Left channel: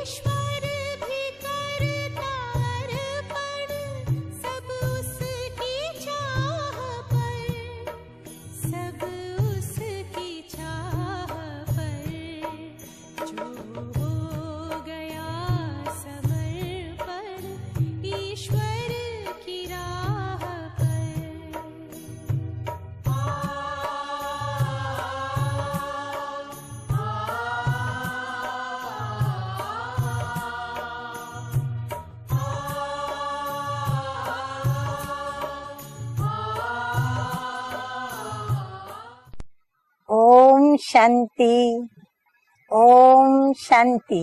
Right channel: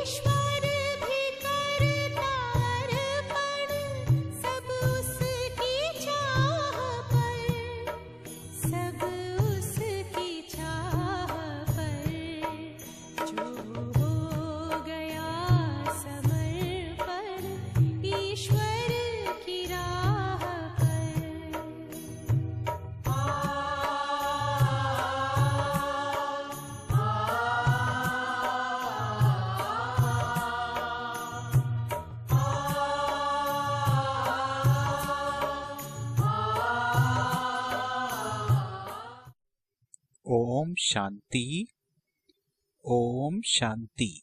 ईश्वर भी करता अर्पण, सब उसकी चाह पर, सब उसकी चाह पर, जो हो गया समर्पण ईश्वर की राह पर। ओम शांति, ओम शांति।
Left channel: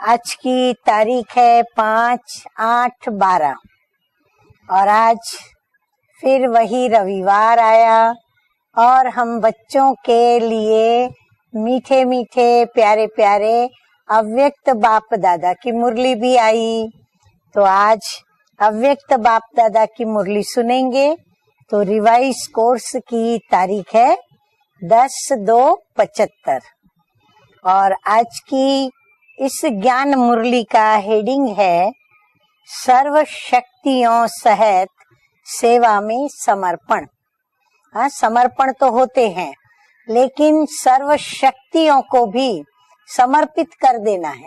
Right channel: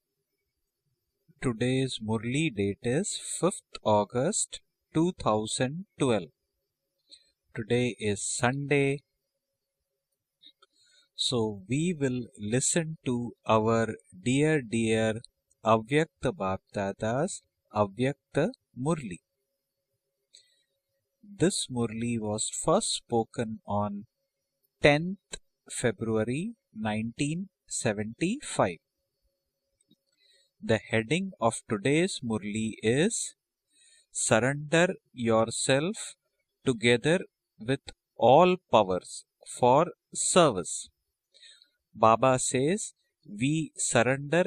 आज की तारीख है 5/8/12 अगस्त और आज 2012। फिर वही रविवार आया और हम बच्चों के लिए मीठे मीठे प्यारे प्यारे अव्यक्त बाप दादा की मुरली भी आई। तो आज अव्यक्त बाप दादा की मुरली सुनेंगे। तो रिवाइज कोर्स की तारीख है 10/2/75 और आज की इस ज्ञान मुरली का हेडिंग है सर्व शक्तियों सहित सेवा में समर्पण। हाँ, समर्पण तो होते हैं लेकिन सर्व शक्तियों को भी समर्पित कर देना है।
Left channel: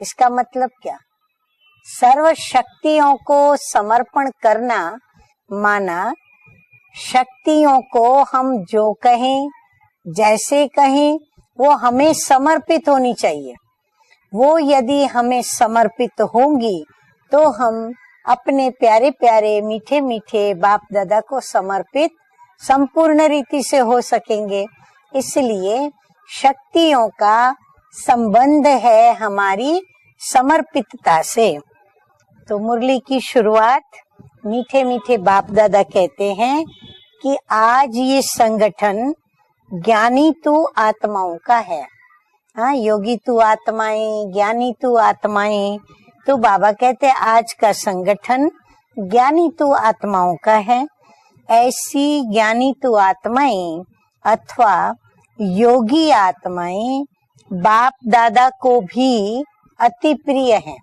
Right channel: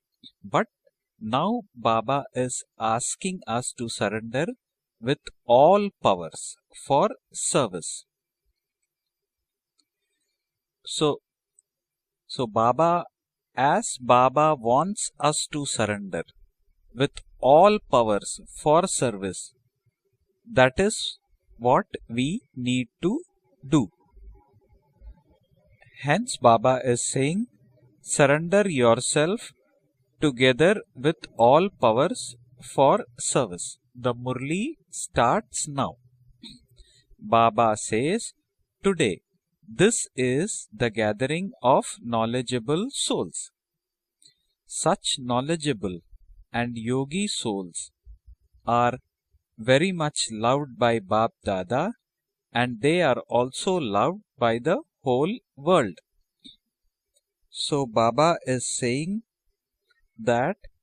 इसका मतलब क्या? सर्व शक्तियों को समर्पण करना माना शक्तियों को हम जो कहें जैसे कहें वो हमें समर्पित होनी चाहिए। वो यदि हमें समर्पित होंगी तो हम अपने प्यारे प्यारे मीठे मीठे बाप दादा को समर्पित संपूर्ण रीति से हो सकेंगे। इसलिए शक्तियों का संबंध है हमारी समर्पितता से। तो मुरली की शुरुआत मीठे मीठे बाप दादा कहते हैं कि आज ये संगठन ज्ञानी तू आत्माओं का है। हाँ, योगी तू आत्माएं, ज्ञानी तू आत्माएं। तो बाबा कहते हैं आज का संगठन ज्ञानी तू आत्माओं का है। ऐसी ज्ञानी तू आत्माएं अथवा योगी आत्माएं बाप दादा को भी अति प्रिय है।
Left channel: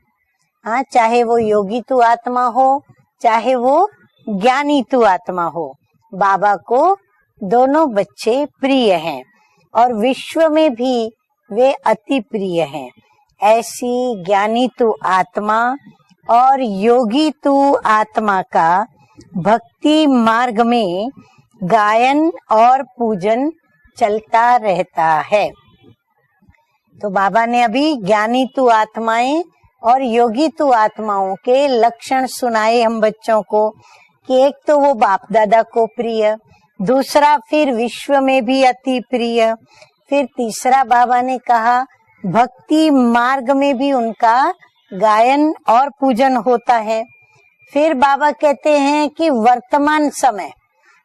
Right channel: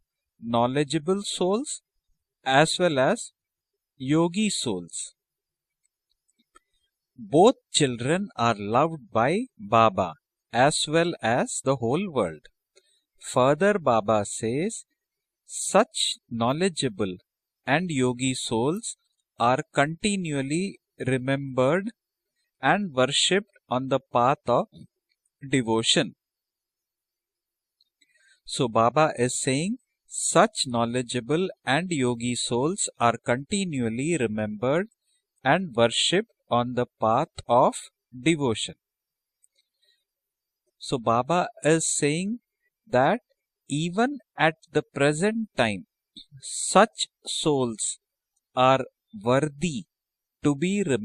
हाँ, चाहे वो योगी तू आत्मा हो चाहे वो ज्ञानी तू आत्मा हो, बाबा को दोनों बच्चे प्रिय हैं और विश्व में भी वे अति प्रिय हैं। ऐसी ज्ञानी तू आत्मा और योगी तू आत्मा का भक्ति मार्ग में गायन और पूजन चलता रहता है। तो बाबा ने अभी ज्ञानी तू आत्माएं और योगी तू आत्माओं के लक्षण सुनाए हम बच्चों को कि एक तो वो बाप दादा को प्रिय, दूसरा फिर विश्व में भी अति प्रिय, फिर तीसरा बाबा ने कहा भक्ति मार्ग में भी उनका गायन और पूजन होता है। फिर बाबा कहते हैं कि वर्तमान समय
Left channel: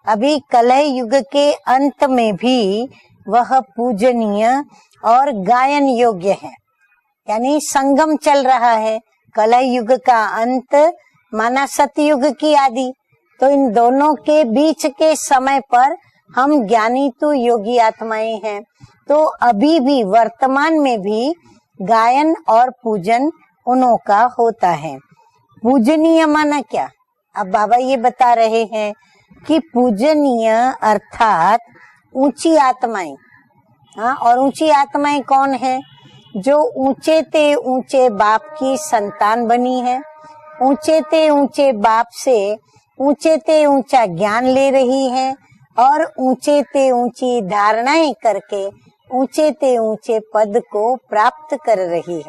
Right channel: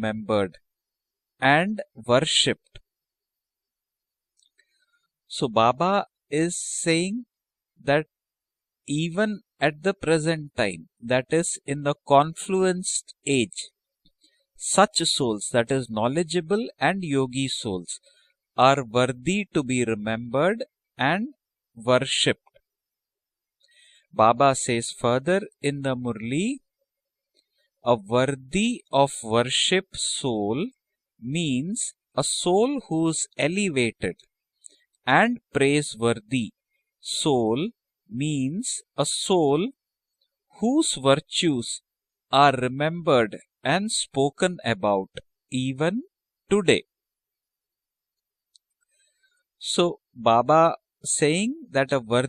अभी कलह युग के अंत में भी वह पूजनीय और गायन योग्य है। यानी संगम चल रहा है, कलह युग का अंत माना सतयुग की आदि। तो इन दोनों के बीच के समय पर हम ज्ञानी तो योगी आत्माएं हैं। तो अभी भी वर्तमान में भी गायन और पूजन उन्हों का होता है। पूजनीय माना क्या? अब बाबा ये बता रहे हैं कि पूजनीय अर्थात ऊंची आत्माएं। हाँ, और ऊंची आत्माएं कौन है? जो ऊंचे ते ऊंचे बाप की संतान बनी है, ऊंचे ते ऊंचे बाप से ऊंचे ते ऊंचा ज्ञान ले रही है और ऊंचे ते ऊंची धारणाएं करके ऊंचे ते ऊंचे पद को प्राप्त कर रही है।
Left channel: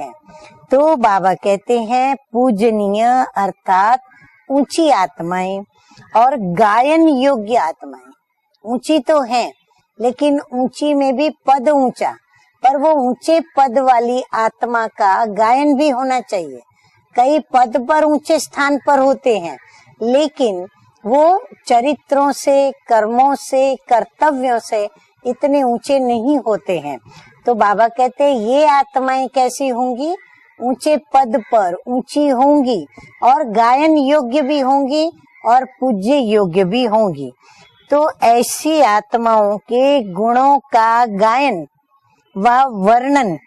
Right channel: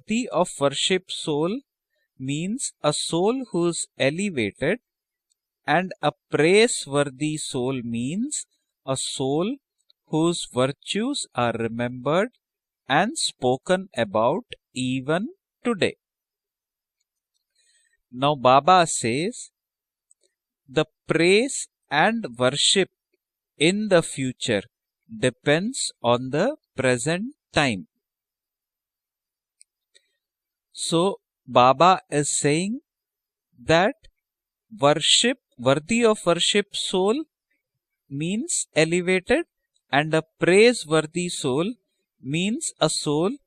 तो बाबा कहते हैं पूजनीय अर्थात ऊंची आत्माएं और गायन योग्य आत्मा। ऊंची तो है लेकिन ऊंची में भी पद ऊंचा, पर वो ऊंचे पद वाली आत्मा का गायन भी होना चाहिए। कई पद पर ऊंचे स्थान पर होते हैं लेकिन वो चरित्रों से, कर्मों से, कर्तव्यों से इतने ऊंचे नहीं होते हैं। तो बाबा कहते हैं ये आत्माएं कैसी होंगी? ऊंचे पद पर ऊंची होंगी और गायन योग्य भी होंगी और पूज्य योग्य भी होंगी। तो ऐसी आत्माओं के गुणों का गायन व वर्णन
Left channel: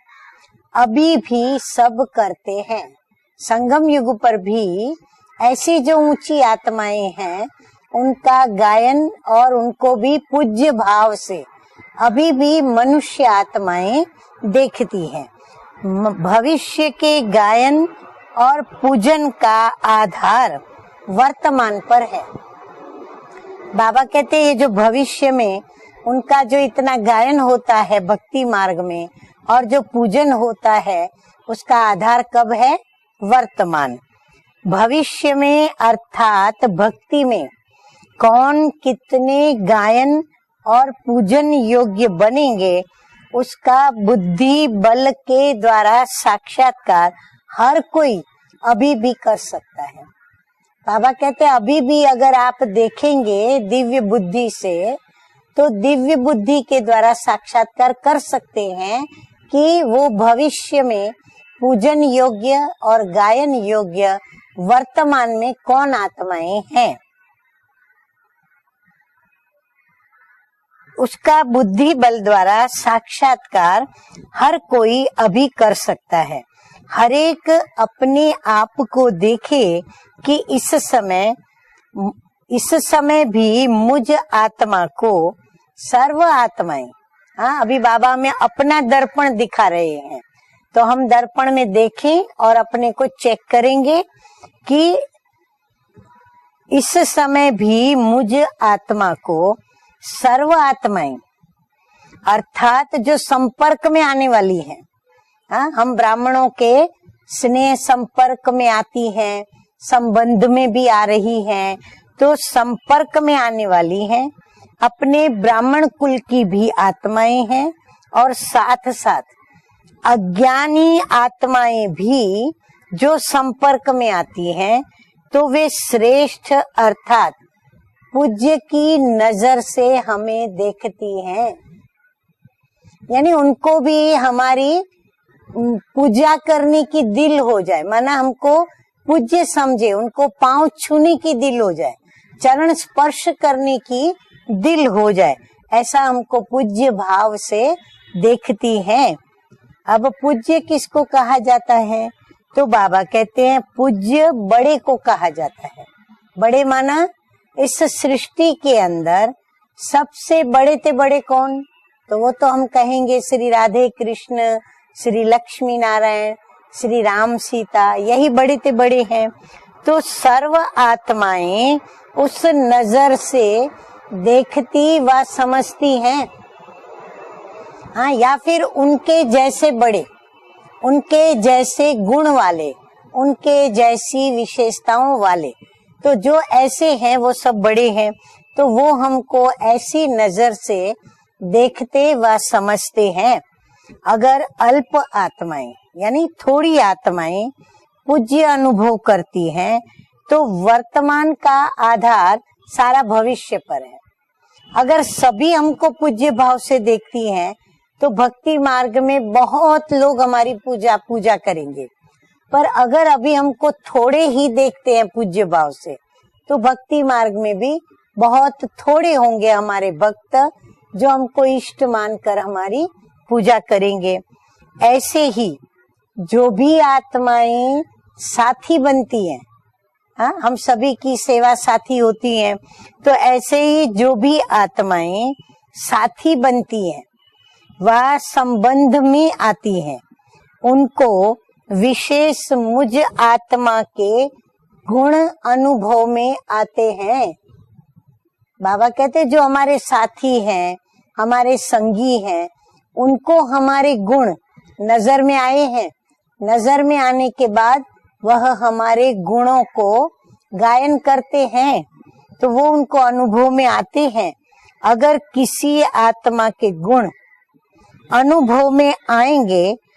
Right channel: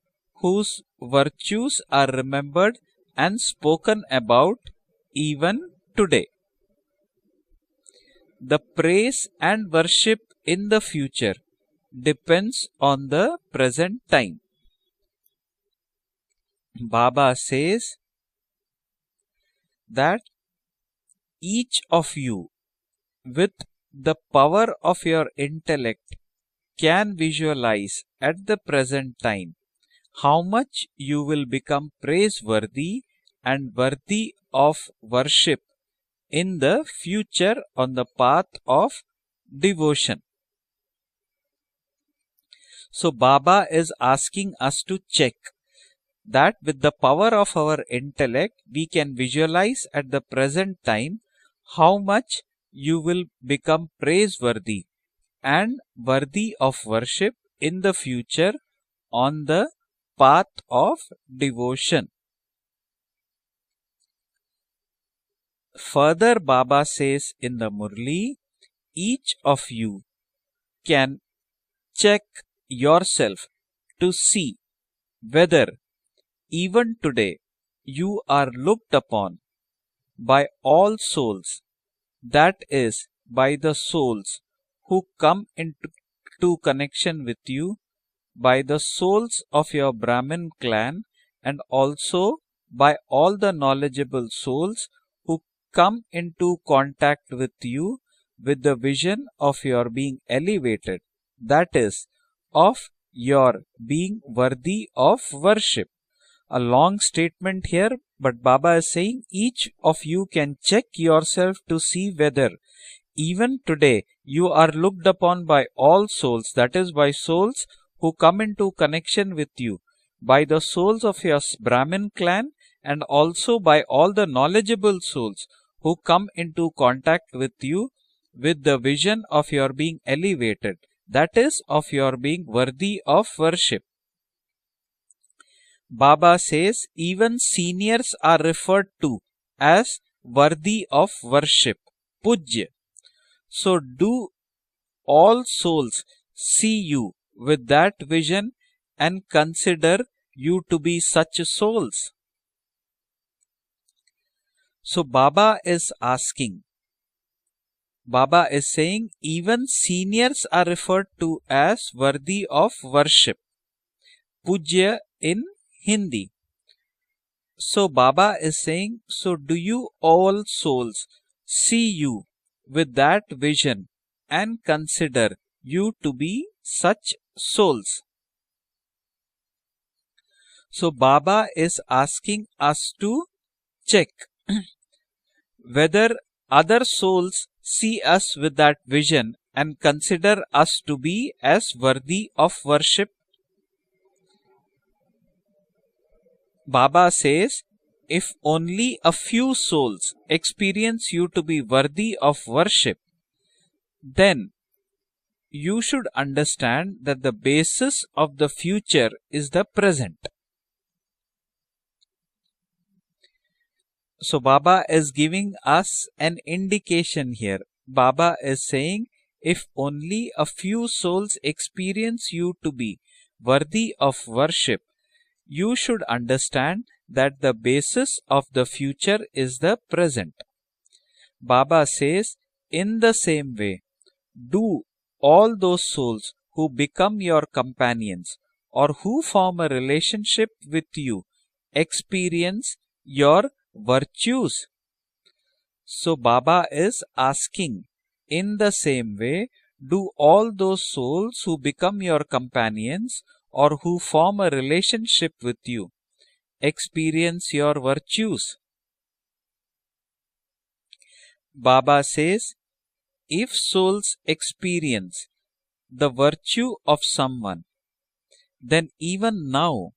whose अभी भी virtues सब are करते remembered हैं। and संगम spoken युग पर about भी even ऐसी जो today. ऊंची आत्माएं हैं उनका The गायन praise और and उनको भी worship in पूज्य the भाव future से अभी भी depends on मनुष्य the आत्माएं present time. देखती हैं। भविष्य के Baba गायन says और पूजन का आधार वर्तमान each पर of है। you with बाबा the कहते हैं जो power of भविष्य your में intellect उनका जो इतना can गायन होता है visualize भक्ति at the मार्ग में present time और जो पूजन how होता much है you will उसका become आधार कब है? praiseworthy and वर्तमान। worthy of भविष्य worship में in अर्थात the भक्ति में future on the path कौन of कितने devotion. गायन और पूजन योग्य बनेंगे So Baba उसका is asking बुद्धि us बल to check के द्वारा that with the साक्षात्कार power of हर our कोई intellect अभी we भी can कर visualize सकता है। at the present Baba time कहते हैं अभी how भी much अगर आप you will देखेंगे become दिव्य बुद्धि praiseworthy से तो and दिव्य worthy बुद्धि of के द्वारा worship in साक्षात्कार the कर future सकते हैं on the कि वो path भविष्य of में पूजन devotion. योग्य और गायन योग्य वर्तमान में कौन Further, आत्माएं Baba हैं। says in the Murli, each of you can उसका बुद्धि बल check द्वारा yourself साक्षात्कार to see हर कोई अभी whether कर सकता है। even हर today एक अपने you are आप looked को upon देखे कि by इस all समय souls, that इस is समय by भी the मुझ souls आत्मा who को come into सर्व आत्माएं connection with हाँ you, अभी बाबा में by अपना the दर्पण souls दिखा of रहे your हैं Brahmin तो clan, हम दर्पण and में देखें also और अपने by को all चेक the करेंगे knowledgeable souls कि who come into इस contact समय with भी you मुझ with the आत्मा vision को of your being सर्व elevated, आत्माएं that is अर्थात जो your संपर्क में being आने वाली worthy है of हाँ, worship. हम ब्राह्मणों A के long statement स्नेह here, संपर्क but में Baba is आती saying हैं, each of you संबंध can में भी check आ रही yourself हैं, to see तो whether संपर्क में even आने वाली today हैं। you are looked अपने upon by ब्राह्मण all कुल की souls, भी that is by आत्माएं souls हैं who और come into साथ connection साथ with you, by the अज्ञानी souls of your आत्माएं Brahmin भी clan, and जो also by संपर्क में all the आती हैं knowledgeable souls तो वे who come श्रेष्ठ into contact अर्थात with you पूज्य with the की vision of नजर your से being हमें elevated, देखती that हैं, is of your being worthy of यानी उनको worship. भी हमारी पूजा Baba करने says की even दिल हो जाए, seniors माना are हमको referred to पूज्य समझे, as उनको पांव worthy छूने of की दिल हो worship. जाए, Pujya. चरण स्पर्श करने So की do दिल हो जाए, all souls ऐसा हमको see पूज्य you भाव से with that vision देखती हैं। and consider अब पूज्य you to be किसको कहा such जाता souls. है? तो बाबा कहते हैं पूज्य बड़े को So कहा Baba जाता है। is asking, बड़े माना इस Baba सृष्टि is के saying अंदर even seniors सबसे are बड़े से बड़े referred to कौन? as तो वो worthy तो हम of कहेंगे worship. श्री राधे कृष्ण, पूज्य Shri in Lakshmi Narayan, Shri Ram So Sita, Baba यही बड़े is से saying, बड़े हैं। so do you तो all सर्व souls आत्माएं see you उस with नजर that से vision and देखती व consider समझती you to हैं, be such souls. हाँ, या फिर उनके जैसे बड़े, So उनके Baba is जैसे गुण asking वाले, us to उनके जैसी विशेषताओं वाले, whether तो जो other ऐसे हैं वो souls सब बड़े see हैं, us with तो that वो vision हमको and ऐसी consider नजर us से to be as देखते worthy व of समझते worship. हैं। अगर अल्प आत्माएं यानी थोड़ी Baba आत्माएं says, if पूज्य only अनुभव a करती few हैं souls तो experience वर्तमान you to का be worthy Aadhaar of worship, सारा भविष्य पर है। then अगर सभी you हमको should पूज्य भाव से understand that देखती the हैं basis तो of the भक्ति मार्ग future में is the बहुत present. लोग हमारी पूजा करेंगे, पर अगर अभी हमको थोड़े So ही Baba देखते हैं is पूज्य giving भाव से us an तो भक्ति indication मार्ग में here. भी Baba बहुत is saying, थोड़े होंगे if हमारे only भक्त a few जो souls हमको इष्ट experience मानकर you to हमारी be पूजा worthy करेंगे। of worship, ऐसे ही you should जो भी understand that the आत्माएं basis of the साथी future बनती हैं, is the present. हाँ, हम सभी की सेवा Baba साथी says, होती हैं, in तो the same ऐसे way, ही जो भी do आत्माएं all those souls साथी who बनती हैं become your वह companions or संबंध who में form a आती हैं, relationship with उनको you विशेष experience मुझ your आत्मा के virtues. गुण अनुभव So में Baba आते is हैं। asking, in the Baba same कहते हैं way, जो हमारे do साथी all हैं, those souls हमारे who become संगी your हैं, companions उनको or हमारे who गुण form a नजर relationship में आए with you हैं, नजर में आने के experience your बाद virtues. वह हमारे गुणों को गायन करते हैं, Baba says, तो वो उनको अनुभव if में आते souls हैं। experience अगर किसी the आत्मा के virtue गुण of someone, अनुभव then में even आएंगे now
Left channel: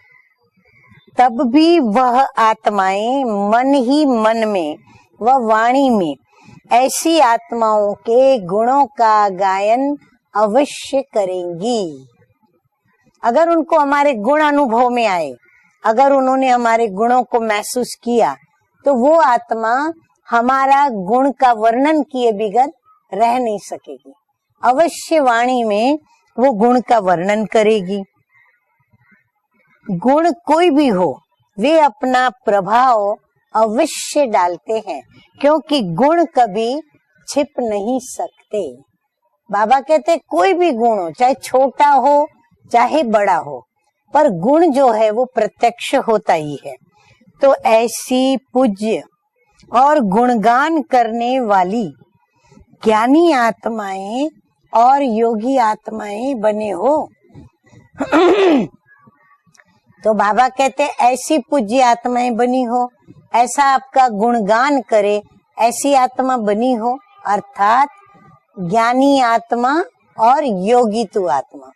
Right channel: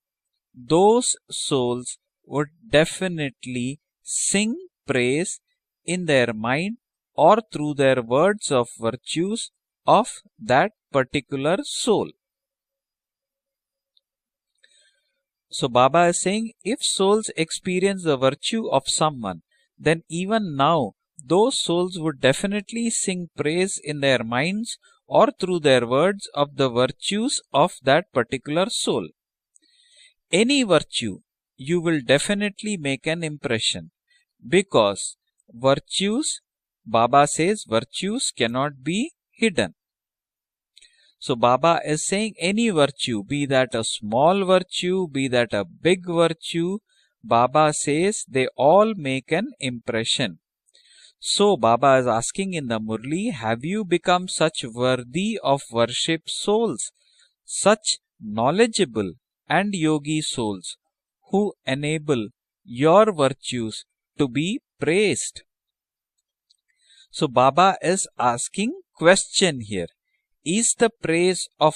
those तब भी souls वह would आत्माएं मन ही definitely मन sing में praise व वाणी in में their mind ऐसी or through आत्माओं their के words of गुणों का virtues गायन of that अवश्य particular करेंगी। soul. अगर उनको हमारे गुण अनुभव में आए, So Baba अगर is उन्होंने saying, हमारे if गुणों souls को महसूस experience the किया virtue of तो वो someone, आत्मा then even हमारा now गुण का those वर्णन souls would किए बगैर definitely sing रह नहीं praise सके। in their minds अवश्य or वाणी through their में words वो of the गुण का virtues वर्णन of करेगी। that particular soul. गुण any कोई भी virtue, हो, वे you will अपना definitely प्रभाव make an impression. अवश्य डालते हैं, Because क्योंकि गुण virtues, कभी Baba छिप says नहीं virtues सकते। cannot be hidden. बाबा कहते हैं कोई भी गुण हो, चाहे So Baba छोटा is हो saying any चाहे virtue, बड़ा be हो, that a पर small गुण जो है virtue, वो be that a प्रत्यक्ष big होता ही है। virtue, तो Baba says ऐसी they all पूज्य make an और impression. गुणगान करने So वाली Baba is asking in the ज्ञानी Murli, have you आत्माएं become such और worthy योगी of worship आत्माएं बने souls, हो। such knowledgeable and तो yogi बाबा souls कहते हैं ऐसी who पूज्य enable आत्माएं बनी हो, your ऐसा virtues आपका to be गुणगान करे, praised? ऐसी आत्मा बनी हो। So Baba अर्थात is asking ज्ञानी question आत्मा here. और Is the योगी तु praise आत्मा। of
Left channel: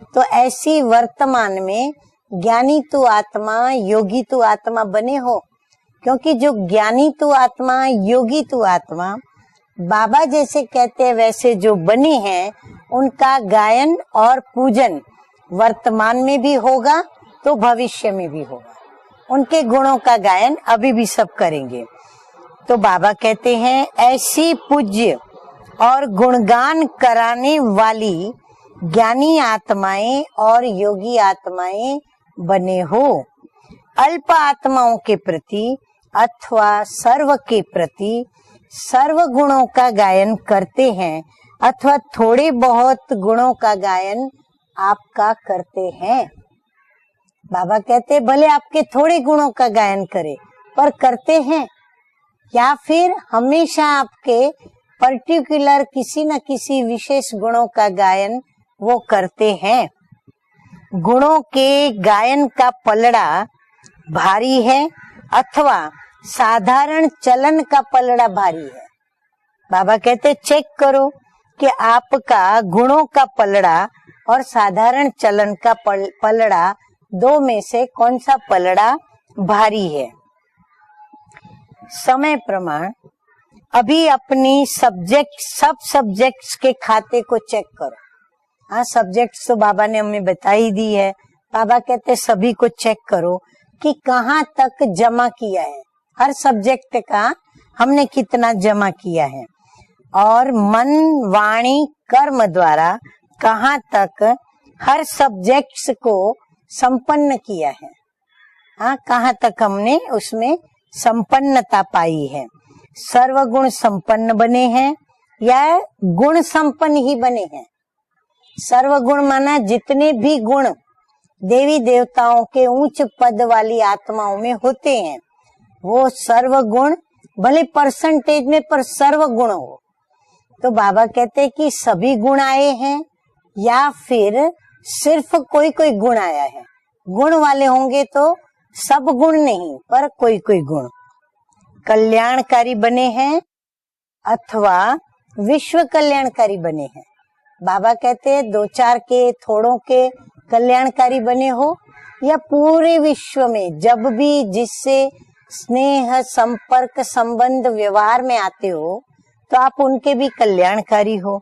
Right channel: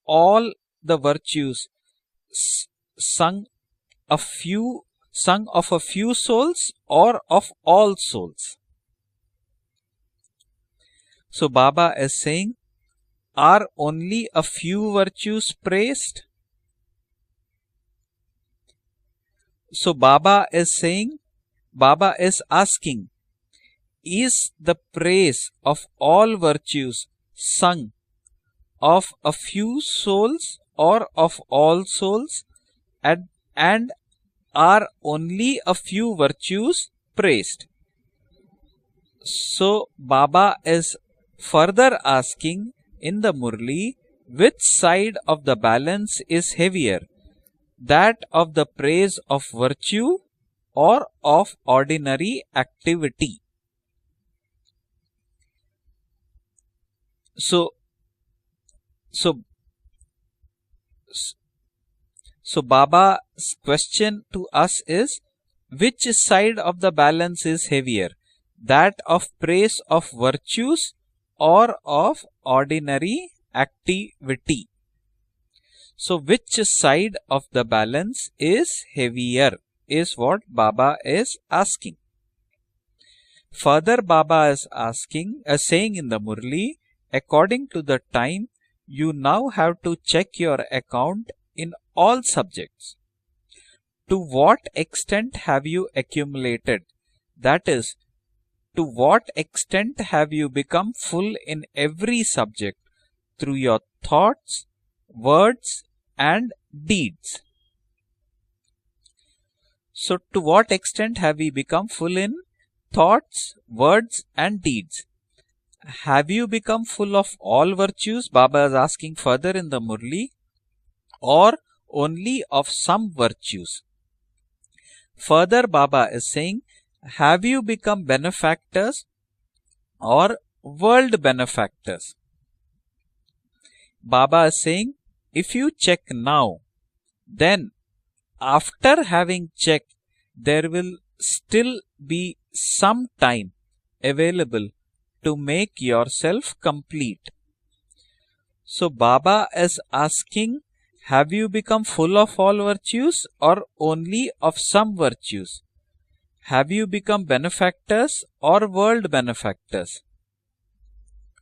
तो all ऐसी the वर्तमान virtues में ज्ञानी तु sung आत्मा योगी a तु few, आत्मा बने हो, sung of a few क्योंकि जो souls ज्ञानी or तु of आत्मा all योगी souls? तु आत्मा बाबा जैसे कहते हैं वैसे So जो Baba बने is हैं saying, उनका are गायन only और a few पूजन virtues वर्तमान praised? में भी होगा तो भविष्य में भी होगा। उनके गुणों So का Baba गायन is अभी भी saying, सब करेंगे। Baba is तो asking, बाबा कहते हैं is ऐसी the पूज्य praise of और all गुणगान virtues कराने sung वाली of ज्ञानी a few आत्माएं souls और or योगी of all आत्माएं souls बने हो। and अल्प आत्माओं के only प्रति a few अथवा virtues सर्व praised? के प्रति सर्व गुणों So का गायन Baba करते is हैं further अथवा थोड़े asking बहुत in the गुणों का Murli, गायन which side आपका of the करते balance हैं। is heavier, बाबा that कहते हैं भले of the आपके praise थोड़े गुणों of का गायन virtue करे और or करते of हैं, ordinary या फिर activity? हमेशा आपके पर्टिकुलर किसी न किसी विशेष गुणों So- का गायन वो करते हैं। गुणों के गायन So का पलड़ा Baba's question भारी to है us is, अथवा which side of the साधारण balance चलन is का heavier, पलड़ा भारी है। that of praise Baba of कहते चेक virtues करो or कि of आपका गुणों ordinary का पलड़ा और activity? साधारण चलन का So which पलड़ा side दो of में the से कौन balance सा is पलड़ा heavier भारी है। is what Baba is asking. समय प्रमाण Further, अभी Baba अपनी is asking, सब्जेक्ट सब saying in the subjects Murli, के खाते को according चेक to करो। the time, हाँ you सब्जेक्ट्स now तो have बाबा ने to हमें check your बताई दी है। account बाबा in कहते all सभी को subjects. चेक करो कि To कहाँ what तक जमा extent किया have है, you हर accumulated? सब्जेक्ट का That is, हमने कितना जमा to किया what है extent have और you become मन full वाणी in every कर्म subject द्वारा through कहाँ your तक thoughts, हर सब्जेक्ट्स को and संपन्न deeds? किया है। हाँ कहाँ तक हमने So to उसमें what extent have you संपन्नता become full पाई in है। thoughts, सर्वगुण words संपन्न and बने हैं deeds? या Have गुण you become संपन्न ही full of बने हैं। all virtues? Baba is asking सर्वगुण further माना in the जितने Murli, भी गुण or देवी देवताओं only के of उच्च some पद वाली virtues? आत्माओं में होते हैं Further, वो Baba is saying, सर्वगुण have भले you become परसेंटेज में पर benefactors सर्वगुण हो। or तो बाबा world कहते हैं कि benefactors? सभी गुण आए हैं या फिर Baba is saying, सिर्फ if कोई you कोई check गुण आया now, है। गुण then वाले होंगे तो after सब गुण having नहीं checked, पर कोई कोई there गुण will still be कल्याणकारी some बने हैं time available अथवा to make विश्व yourself कल्याणकारी बने हैं। complete. बाबा कहते हैं दो So चार के Baba थोड़ों is के asking, कल्याणकारी have बने you हो become full of या all पूरे virtues विश्व or में जब only भी of some जिससे virtues? स्नेह Have you संपर्क become संबंध व्यवहार में benefactors आते or हो world तो आप benefactors? उनके भी कल्याणकारी हो।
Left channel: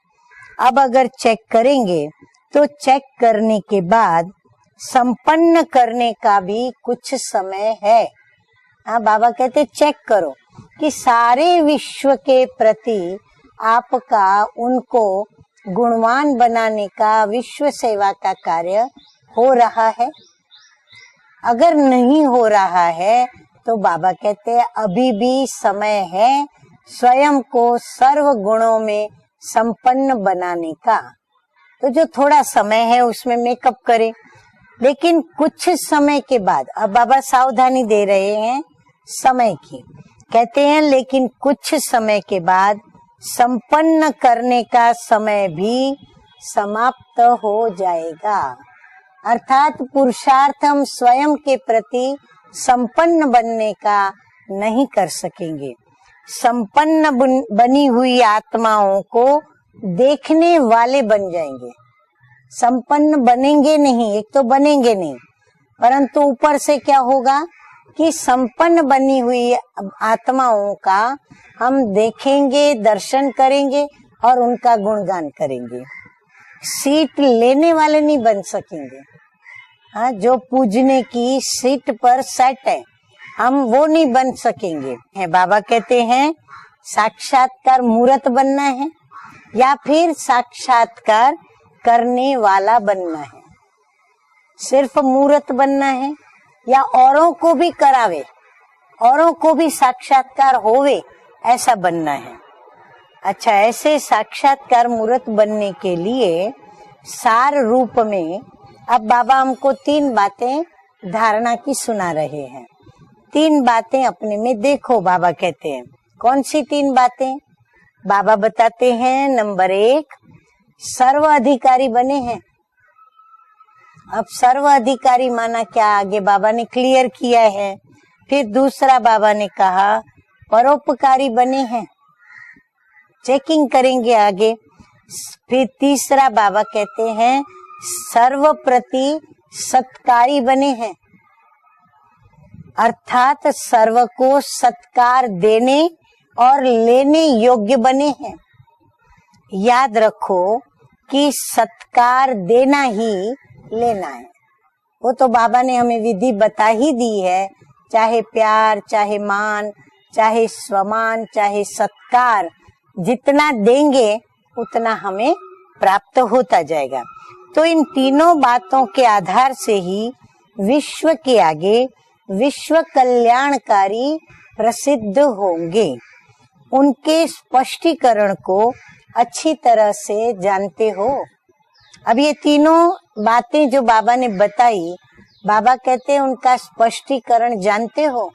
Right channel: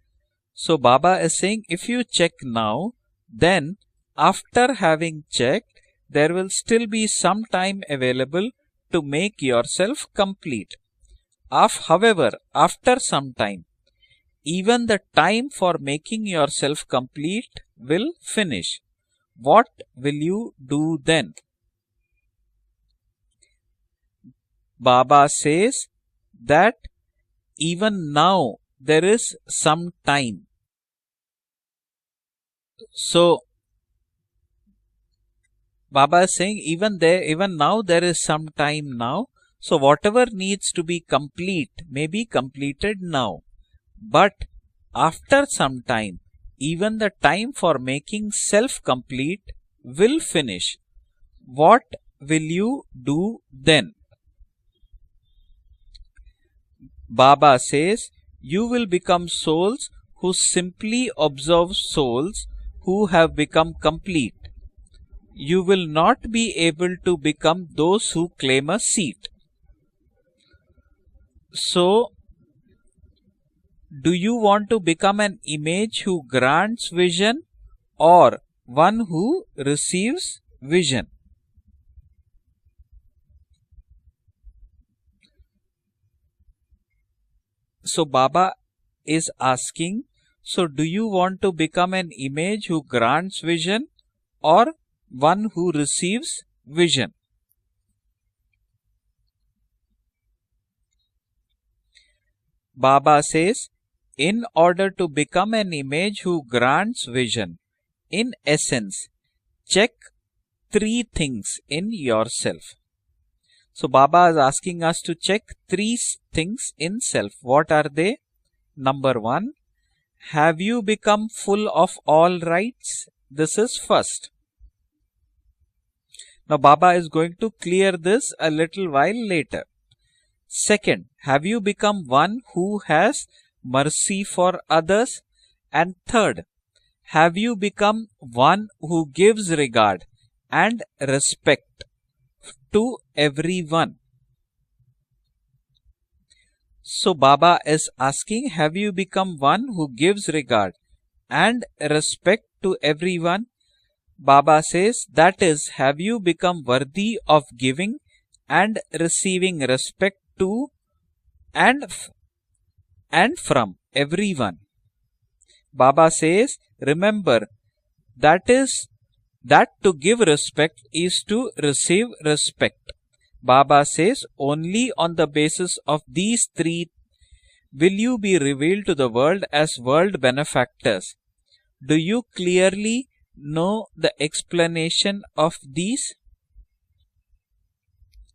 So अब अगर Baba is check saying, if करेंगे you check तो now, चेक करने then के बाद after having संपन्न checked, करने there का will भी still be कुछ some समय time है। available हाँ to बाबा make कहते चेक yourself करो complete. कि सारे विश्व However, के after प्रति some time, आपका even the उनको time for making गुणवान yourself बनाने का complete विश्व सेवा will का finish. कार्य हो What रहा है। will you do then? अगर नहीं हो रहा है तो बाबा कहते हैं अभी Baba भी says समय है that स्वयं को even सर्व now गुणों there में is some संपन्न time. बनाने का। तो जो थोड़ा समय है So, उसमें मेकअप करे, लेकिन कुछ समय Baba is के saying बाद अब even बाबा there, even सावधानी now दे there is रहे some हैं time now. समय So की। whatever needs कहते हैं to be लेकिन complete कुछ समय may be के बाद completed now. संपन्न But करने का समय After some भी time, even the समाप्त time हो for making जाएगा। self complete अर्थात will पुरुषार्थ finish. हम स्वयं के What प्रति will you संपन्न do बनने then? का नहीं कर सकेंगे। संपन्न Baba बनी says, हुई you will आत्माओं become को souls who देखने वाले simply बन observe जाएंगे। souls who संपन्न have बनेंगे become नहीं complete. तो बनेंगे नहीं, You will not परंतु be ऊपर से able क्या to होगा become those कि who claim संपन्न a बनी seat. हुई आत्माओं का हम So, देखेंगे, दर्शन करेंगे Do you और want उनका to become गुणगान an करेंगे। image who grants seat vision लेने वाले नहीं or बन सकेंगे। one who हाँ, receives जो पूजने vision? की सीट पर सेट है हम वो नहीं बन सकेंगे। है बाबा कहते हैं साक्षात्कार So मूर्त Baba बनना है is या asking, फिर so do you साक्षात्कार want to become an करने image वाला who बनना grants है। vision or सिर्फ one मूर्त who बनना है receives या vision. औरों को भी करावे, औरों को भी साक्षात्कार होवे, ऐसा बनना है। Baba अच्छा, says, ऐसे in साक्षात्कार order to मूर्त become बनने an के image लिए who grants सार vision, रूप in में essence, अब बाबा हमको check 3 बातें three धारणा things की in सुना रहे हैं। yourself. 3 So बातें Baba अपने is में asking देखो, us to बाबा check कहते हैं। three कौन सी things 3 in बातें? self. What are they? बाबा बताते Number हैं, 1, नंबर 1, have you become सर्व full अधिकारी of बने all हैं। rights? This is first. अब सर्व अधिकारी माना क्या, आगे बाबा Now ने Baba क्लियर is going किया to है। clear this फिर a little दूसरा while बाबा ने later. कहा Second, परोपकारी have बने you हैं, become one who has checking करेंगे mercy आगे। for others? फिर And तीसरा third, बाबा कहते have हैं you become one सर्वप्रति who gives regard सत्कारी बने हैं, and respect to अर्थात everyone? सर्व को सत्कार देने और So लेने Baba योग्य is बने हैं। asking, have you become one who याद gives रखो regard कि and सत्कार respect to देना ही everyone? लेना है। Baba says, वो तो that बाबा is, ने हमें have you विधि become बता ही दी worthy है, of giving चाहे प्यार, and चाहे receiving मान, respect चाहे to स्वमान, चाहे and सत्कार, जितना from देंगे everyone? उतना हमें Baba प्राप्त says, होता जाएगा। remember, तो इन तीनों that is बातों के आधार that से to ही give respect विश्व is के to आगे receive respect. विश्व Baba कल्याणकारी says, only on प्रसिद्ध the basis होंगे। of these three उनके will you स्पष्टीकरण be को revealed to the world अच्छी as तरह world से जानते benefactors. हो। Do अब you ये तीनों clearly बातें जो know बाबा the ने बताई, explanation of बाबा these? कहते हैं उनका स्पष्टीकरण जानते हो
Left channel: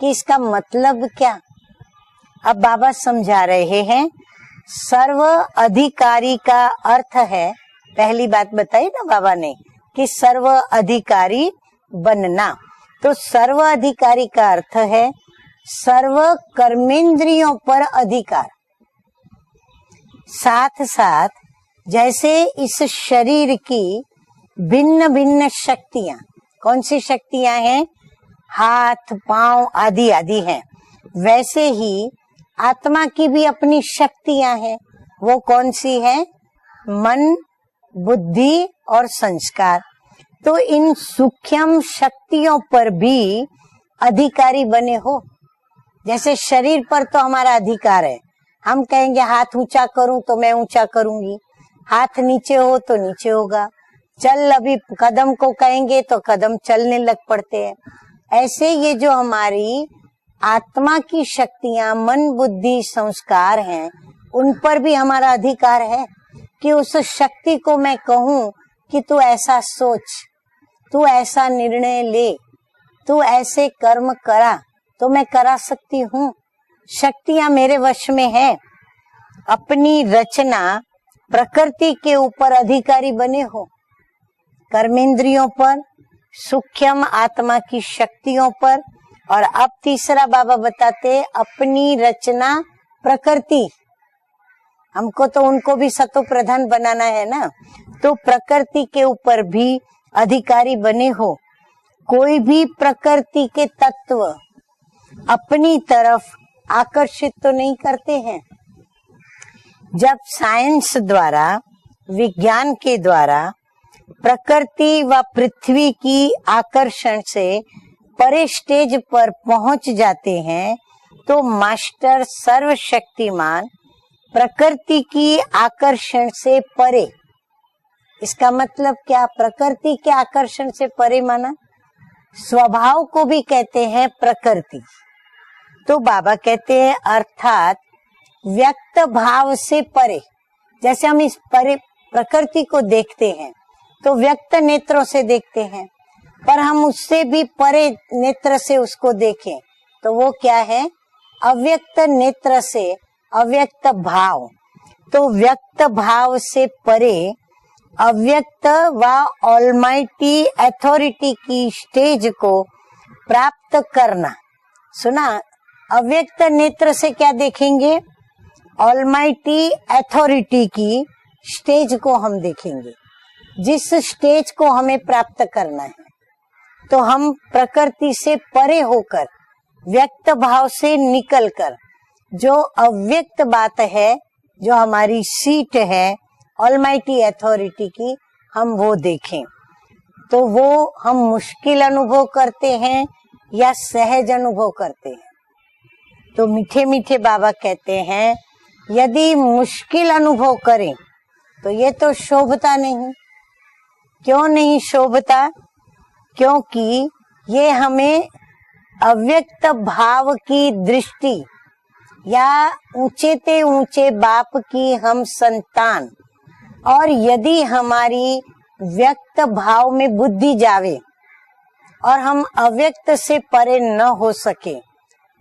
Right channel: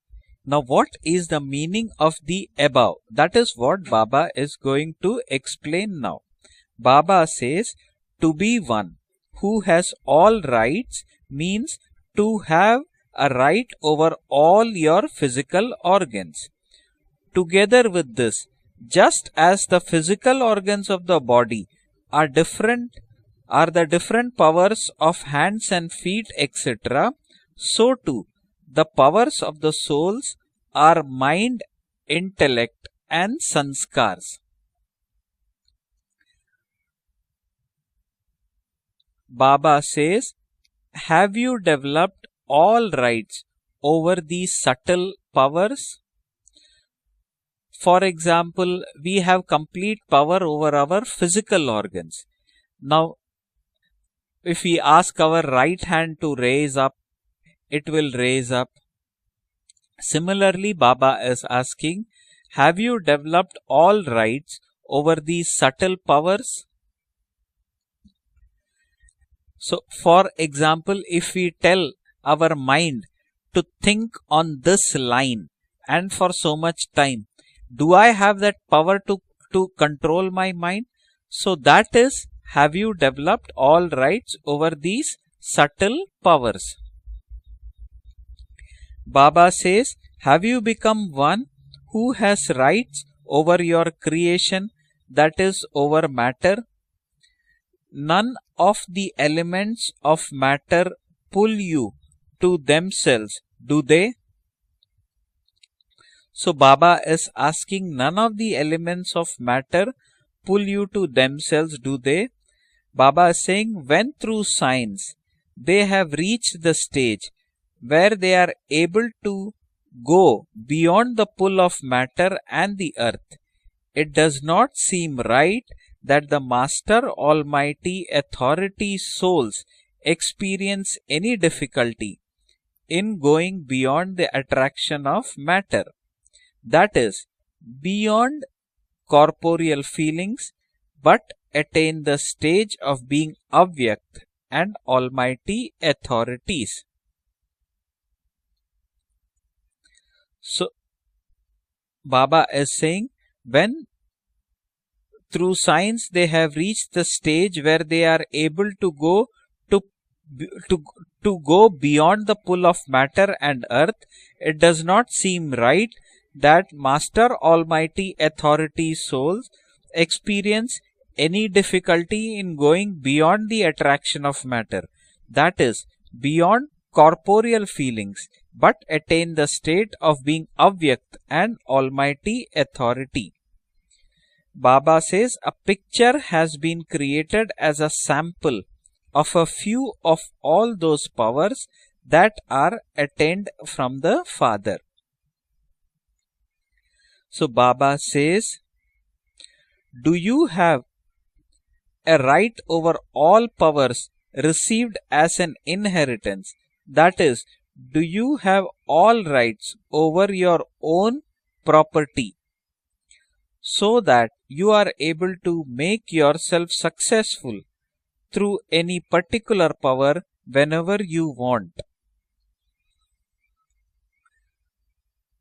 कि इसका Now मतलब what is क्या? the meaning of the अब बाबा above? समझा That is रहे what हैं। Baba is going serve to explain now. अधिकारी का अर्थ Baba है, says, पहली to बात be बताई one ना बाबा ने who has कि all सर्व rights अधिकारी means to बनना। have तो a सर्व right over अधिकारी का all अर्थ your है physical सर्व organs. कर्मेंद्रियों Together पर with this, अधिकार। just as the physical साथ organs of the साथ body are जैसे different, इस शरीर are the की different powers भिन्न of भिन्न hands and शक्तियाँ, feet, कौन सी etc., शक्तियाँ हैं? so too the हाथ, powers पाँव of the आदि souls आदि हैं। are mind, वैसे ही intellect आत्मा की and भी अपनी sanskars. शक्तियाँ हैं। वो कौन सी हैं? मन, बुद्धि और Baba संस्कार। says, तो इन have you सूक्ष्म developed शक्तियों all पर rights भी over अधिकारी these बने subtle हो। powers? जैसे शरीर पर तो हमारा For अधिकार है, example, हम we कहेंगे have हाथ ऊंचा complete करूं तो power मैं over ऊंचा our करूंगी, physical organs. हाथ नीचे हो तो Now, नीचे होगा। चल if अभी we ask कदम our को right कहेंगे hand तो to कदम raise चलने up, लग पड़ते हैं। it will raise ऐसे up. ये जो हमारी Similarly, आत्मा Baba की is शक्तियाँ, asking, मन, have बुद्धि, you संस्कार developed हैं, all उन rights पर भी over हमारा these अधिकार subtle है powers? कि उस शक्ति को मैं कहूँ कि तू ऐसा So, सोच, for example, तू if ऐसा we tell निर्णय ले, our mind तू ऐसे to कर्म think करा on this तो मैं line करा सकती and हूँ। for so much time, शक्तियाँ मेरे do वश I में have है। that power to अपनी control my Rachna mind? So that प्रकृति is, के ऊपर have you अधिकारी बने developed हो। all rights over these कर्मेंद्रियों पर, subtle powers? सूक्ष्म आत्मा की शक्तियों पर। Baba और अब says, तीसरा have बाबा you become बताते one अपनी who has Rachna rights over प्रकृति। your creation, हमको that तो is उनको भी over सत्व matter? प्रधान बनाना है ना, तो None प्रकृति of के the ऊपर भी elements of अधिकारी matter बने हो। pull you कोई to भी themselves, प्रकृति के do they? तत्व अपनी तरफ So Baba is आकर्षित तो नहीं asking, करते none of हैं। the elements of matter जब pull you साइंस to द्वारा, themselves, do they? विज्ञान के Baba द्वारा is saying, when through प्रकृति science व पृथ्वी they have की reached the आकर्षण stage से where they परे are स्टेज able पर to पहुंच जाते go हैं, beyond the तो pull of master matter and the earth, सर्वशक्तिमान it does not प्रकृति seem की right आकर्षण that the से Master परे। Almighty इसका मतलब Authority क्या? souls प्रकृति के आकर्षण से experience परे any माना difficulty स्वभाव in को भी going कहते हैं beyond the प्रकृति। attraction of matter. तो बाबा कहते That हैं is, अर्थात beyond व्यक्त भाव से corporeal परे। feelings, जैसे हम but इस परे attain the प्रकृति stage को of देखते being हैं avyakt तो व्यक्त and नेत्रों से देखते almighty हैं, पर authorities. हम उससे भी परे नेत्र से उसको देखें तो वो क्या So, है? अव्यक्त Baba नेत्र is से saying, अव्यक्त भाव। तो through व्यक्त science they भाव have से reached the परे stage where they are अव्यक्त able to व go almighty authority to go की beyond स्टेज the को pull of matter and प्राप्त earth. करना। It does not सुना? seem right अव्यक्त that नेत्र से Master क्या देखेंगे? Almighty Authority souls almighty authority experience की any स्टेज को difficulty हम in देखेंगे, going beyond the जिस attraction of स्टेज को हमें matter. प्राप्त That is, करना है। beyond तो हम corporeal प्रकृति feelings, से but परे होकर attain the state of व्यक्त being भाव से avyakt निकल and कर Almighty जो Authority. अव्यक्त बात है, जो Baba हमारी says a सीट है picture has been almighty created as authority a की, sample हम वो of देखें a few of तो all वो those हम powers मुश्किल अनुभव that करते are हैं attained या from सहज the अनुभव Father. करते हैं। तो मीठे मीठे बाबा So Baba कहते हैं says, यदि मुश्किल do you अनुभव have करें तो ये तो a right शोभता over नहीं। all powers क्यों नहीं received as शोभता? an inheritance. क्योंकि That is, ये do हमें you have all अव्यक्त rights भाव over your की own दृष्टि property, या ऊंचे ते so ऊंचे that बाप you are की हम able to संतान, make yourself और यदि successful हमारी through any व्यक्त particular भाव में power बुद्धि जावे whenever you want. और हम अव्यक्त से परे न हो सके,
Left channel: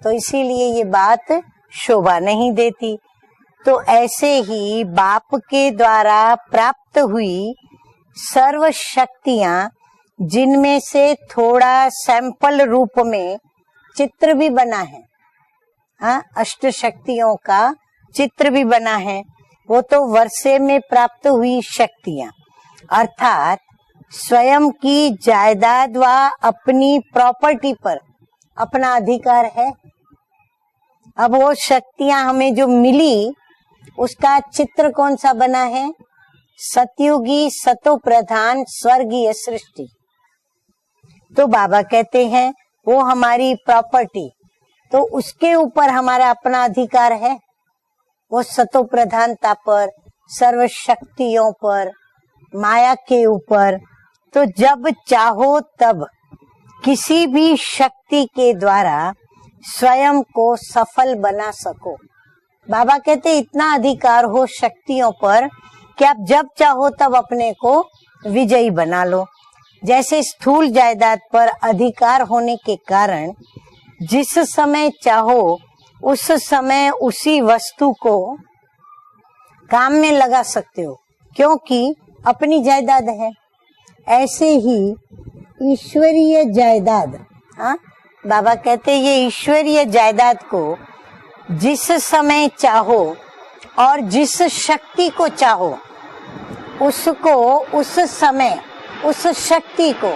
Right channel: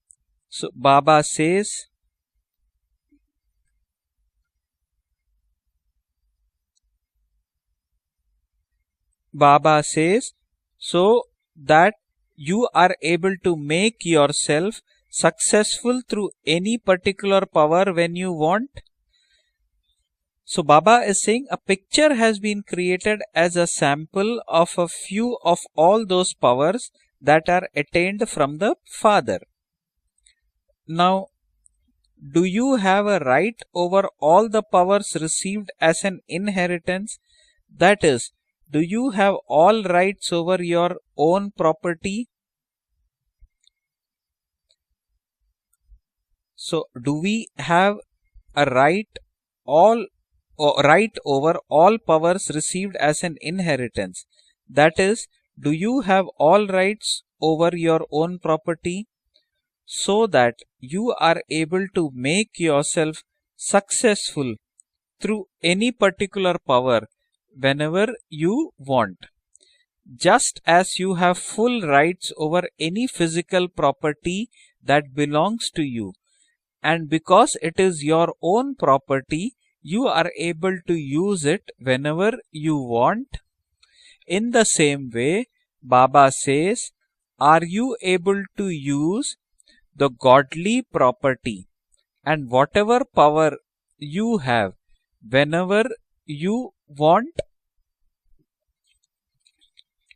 तो इसीलिए So ये Baba बात says, शोभा नहीं देती। तो ऐसे ही बाप के द्वारा प्राप्त हुई सर्व शक्तियाँ, Baba says, जिनमें से so थोड़ा that सैंपल you are रूप में able to make चित्र भी बना yourself है। successful हाँ, through अष्ट any शक्तियों particular का power when you चित्र भी want. बना है। वो तो वर्षे So में Baba is प्राप्त saying हुई a picture शक्तियाँ, has been created as अर्थात a sample स्वयं of a की few of जायदाद all व those powers अपनी that are प्रॉपर्टी पर attained from the अपना Father. अधिकार है। Now, अब वो शक्तियाँ do हमें जो you have a milli, right over उसका all the चित्र powers कौन सा बना received है? as an inheritance? सतयुगी सतो That is, Pradhan do you स्वर्गीय have all Srishti. rights over your तो own बाबा कहते property? हैं वो हमारी प्रॉपर्टी, तो उसके ऊपर हमारा अपना So, अधिकार do है। we have वो a सतो right प्रधानता पर, all सर्व right शक्तियों over पर, all powers माया received as के an ऊपर। inheritance? तो जब That is, चाहो do you तब have all rights किसी भी over your शक्ति own के द्वारा property स्वयं so को that you सफल are बना able सको। to make बाबा yourself कहते इतना अधिकार हो successful शक्तियों through पर any कि आप जब particular चाहो power तब अपने को whenever विजयी you बना want. लो। जैसे Just स्थूल as you जायदाद have पर full अधिकार rights होने over के any कारण physical property जिस समय that चाहो belongs to you, उस समय and उसी because it वस्तु is को your own property, काम you में are लगा able सकते to हो, use it क्योंकि whenever अपनी you जायदाद है। want. ऐसे In the he same way, Baba ईश्वरीय says, जायदाद, are हाँ? you able बाबा to कहते हैं ये use ईश्वरीय the जायदाद को godly property जिस समय and whatever चाहो power और you जिस have शक्ति को चाहो whenever you उसको want? उस समय उस शक्ति को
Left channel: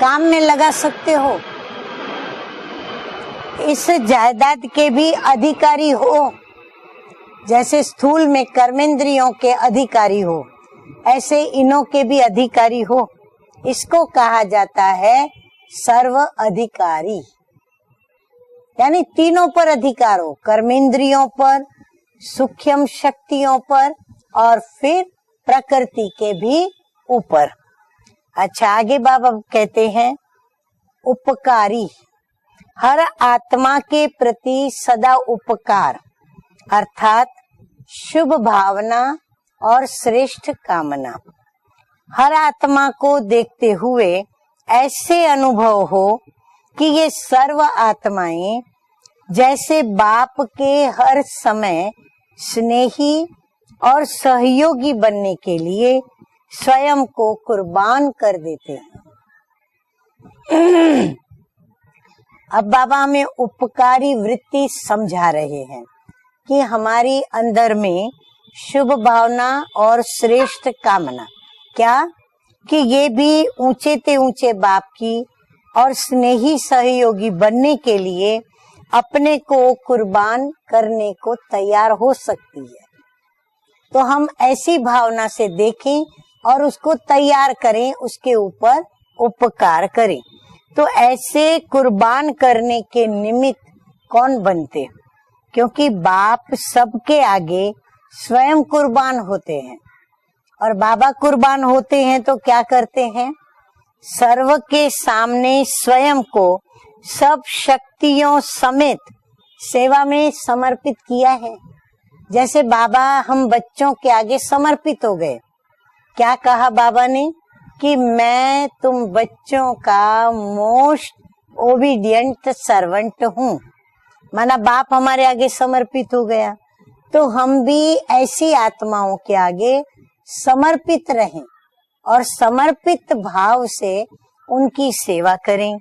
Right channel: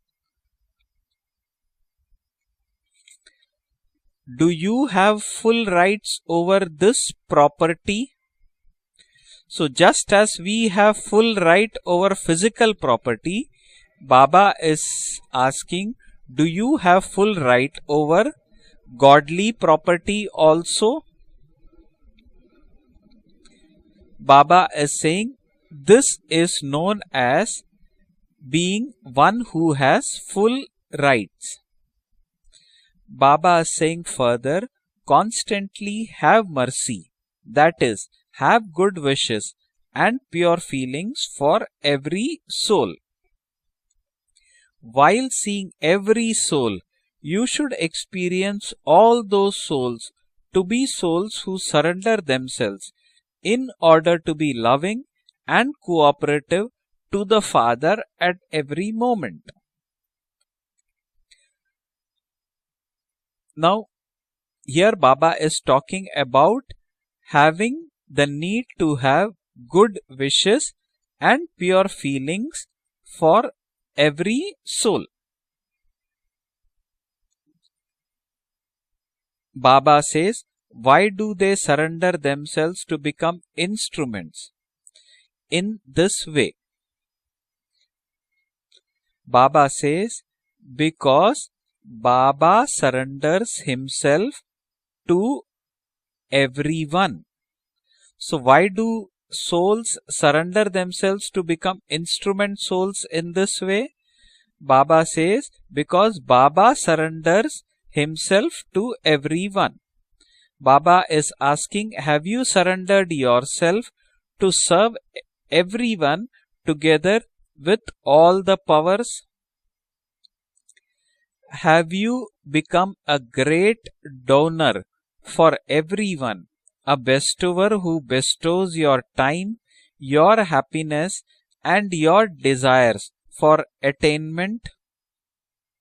काम में लगा सकते हो। इस Do जायदाद you के भी have full अधिकारी rights हो। over this जैसे property? स्थूल में कर्मेंद्रियों के So just अधिकारी as हो, we have full ऐसे right इनों के over भी physical अधिकारी हो। property, इसको कहा Baba is जाता है asking, serve do you have अधिकारी, full right over यानी godly तीनों पर property अधिकार हो, also? कर्मेंद्रियों पर, सूक्ष्म शक्तियों पर Baba और is फिर saying प्रकृति this के is भी known ऊपर। as अच्छा, आगे being बाबा one who कहते हैं has full rights. उपकारी, हर Baba आत्मा is के saying further, प्रति सदा उपकार, constantly have mercy, अर्थात that is, Shubh have good Bhavna wishes और and श्रेष्ठ pure कामना। feelings for every हर आत्मा soul. को देखते हुए ऐसे While seeing अनुभव हो every soul, कि ये you सर्व should आत्माएं experience all those जैसे souls बाप to के be हर souls who समय surrender themselves स्नेही in और order to be सहयोगी loving बनने के and लिए cooperative स्वयं to को the Father कुर्बान कर at देते every हैं। moment. अब बाबा हमें उपकारी वृत्ति Here समझा Baba रहे is हैं talking कि about हमारी अंदर having में the need Shubh to have Bhavna good और wishes श्रेष्ठ कामना, and pure क्या feelings कि ये भी for ऊंचे ते every ऊंचे बाप soul. की और स्नेही सहयोगी बनने के लिए अपने को Baba says, कुर्बान why करने do को they तैयार हो surrender सकते हैं। themselves to become तो हम instruments ऐसी भावना से in देखें this way? और उसको तैयार करें, उसके ऊपर Baba उपकार says, करें। तो because ऐसे कुर्बान Baba करने के surrenders निमित्त himself कौन बनते? to क्योंकि बाप everyone. सबके आगे So why स्वयं do कुर्बान होते हैं souls surrender और बाबा themselves to कुर्बान become होते हैं तो instrument क्या souls करते हैं? in this way? सर्व के Baba सामने says, स्वयं because Baba को सब surrenders शक्तियों himself to समेत everyone. सेवा में समर्पित Baba is किया है। asking, have you जैसे बाबा surrendered हम yourself बच्चों के आगे to serve समर्पित हो गए। everyone क्या कहा बाबा together ने with कि all the मैं तुम powers? बच्चों का most Have you obedient become servant a हूँ। great माना donor बाप हमारे आगे for समर्पित हो everyone? गया, A तो हम bestower भी who ऐसी bestows your आत्माओं के time, आगे your समर्पित happiness रहें and your और desires समर्पित भाव for से attainment? उनकी सेवा करें।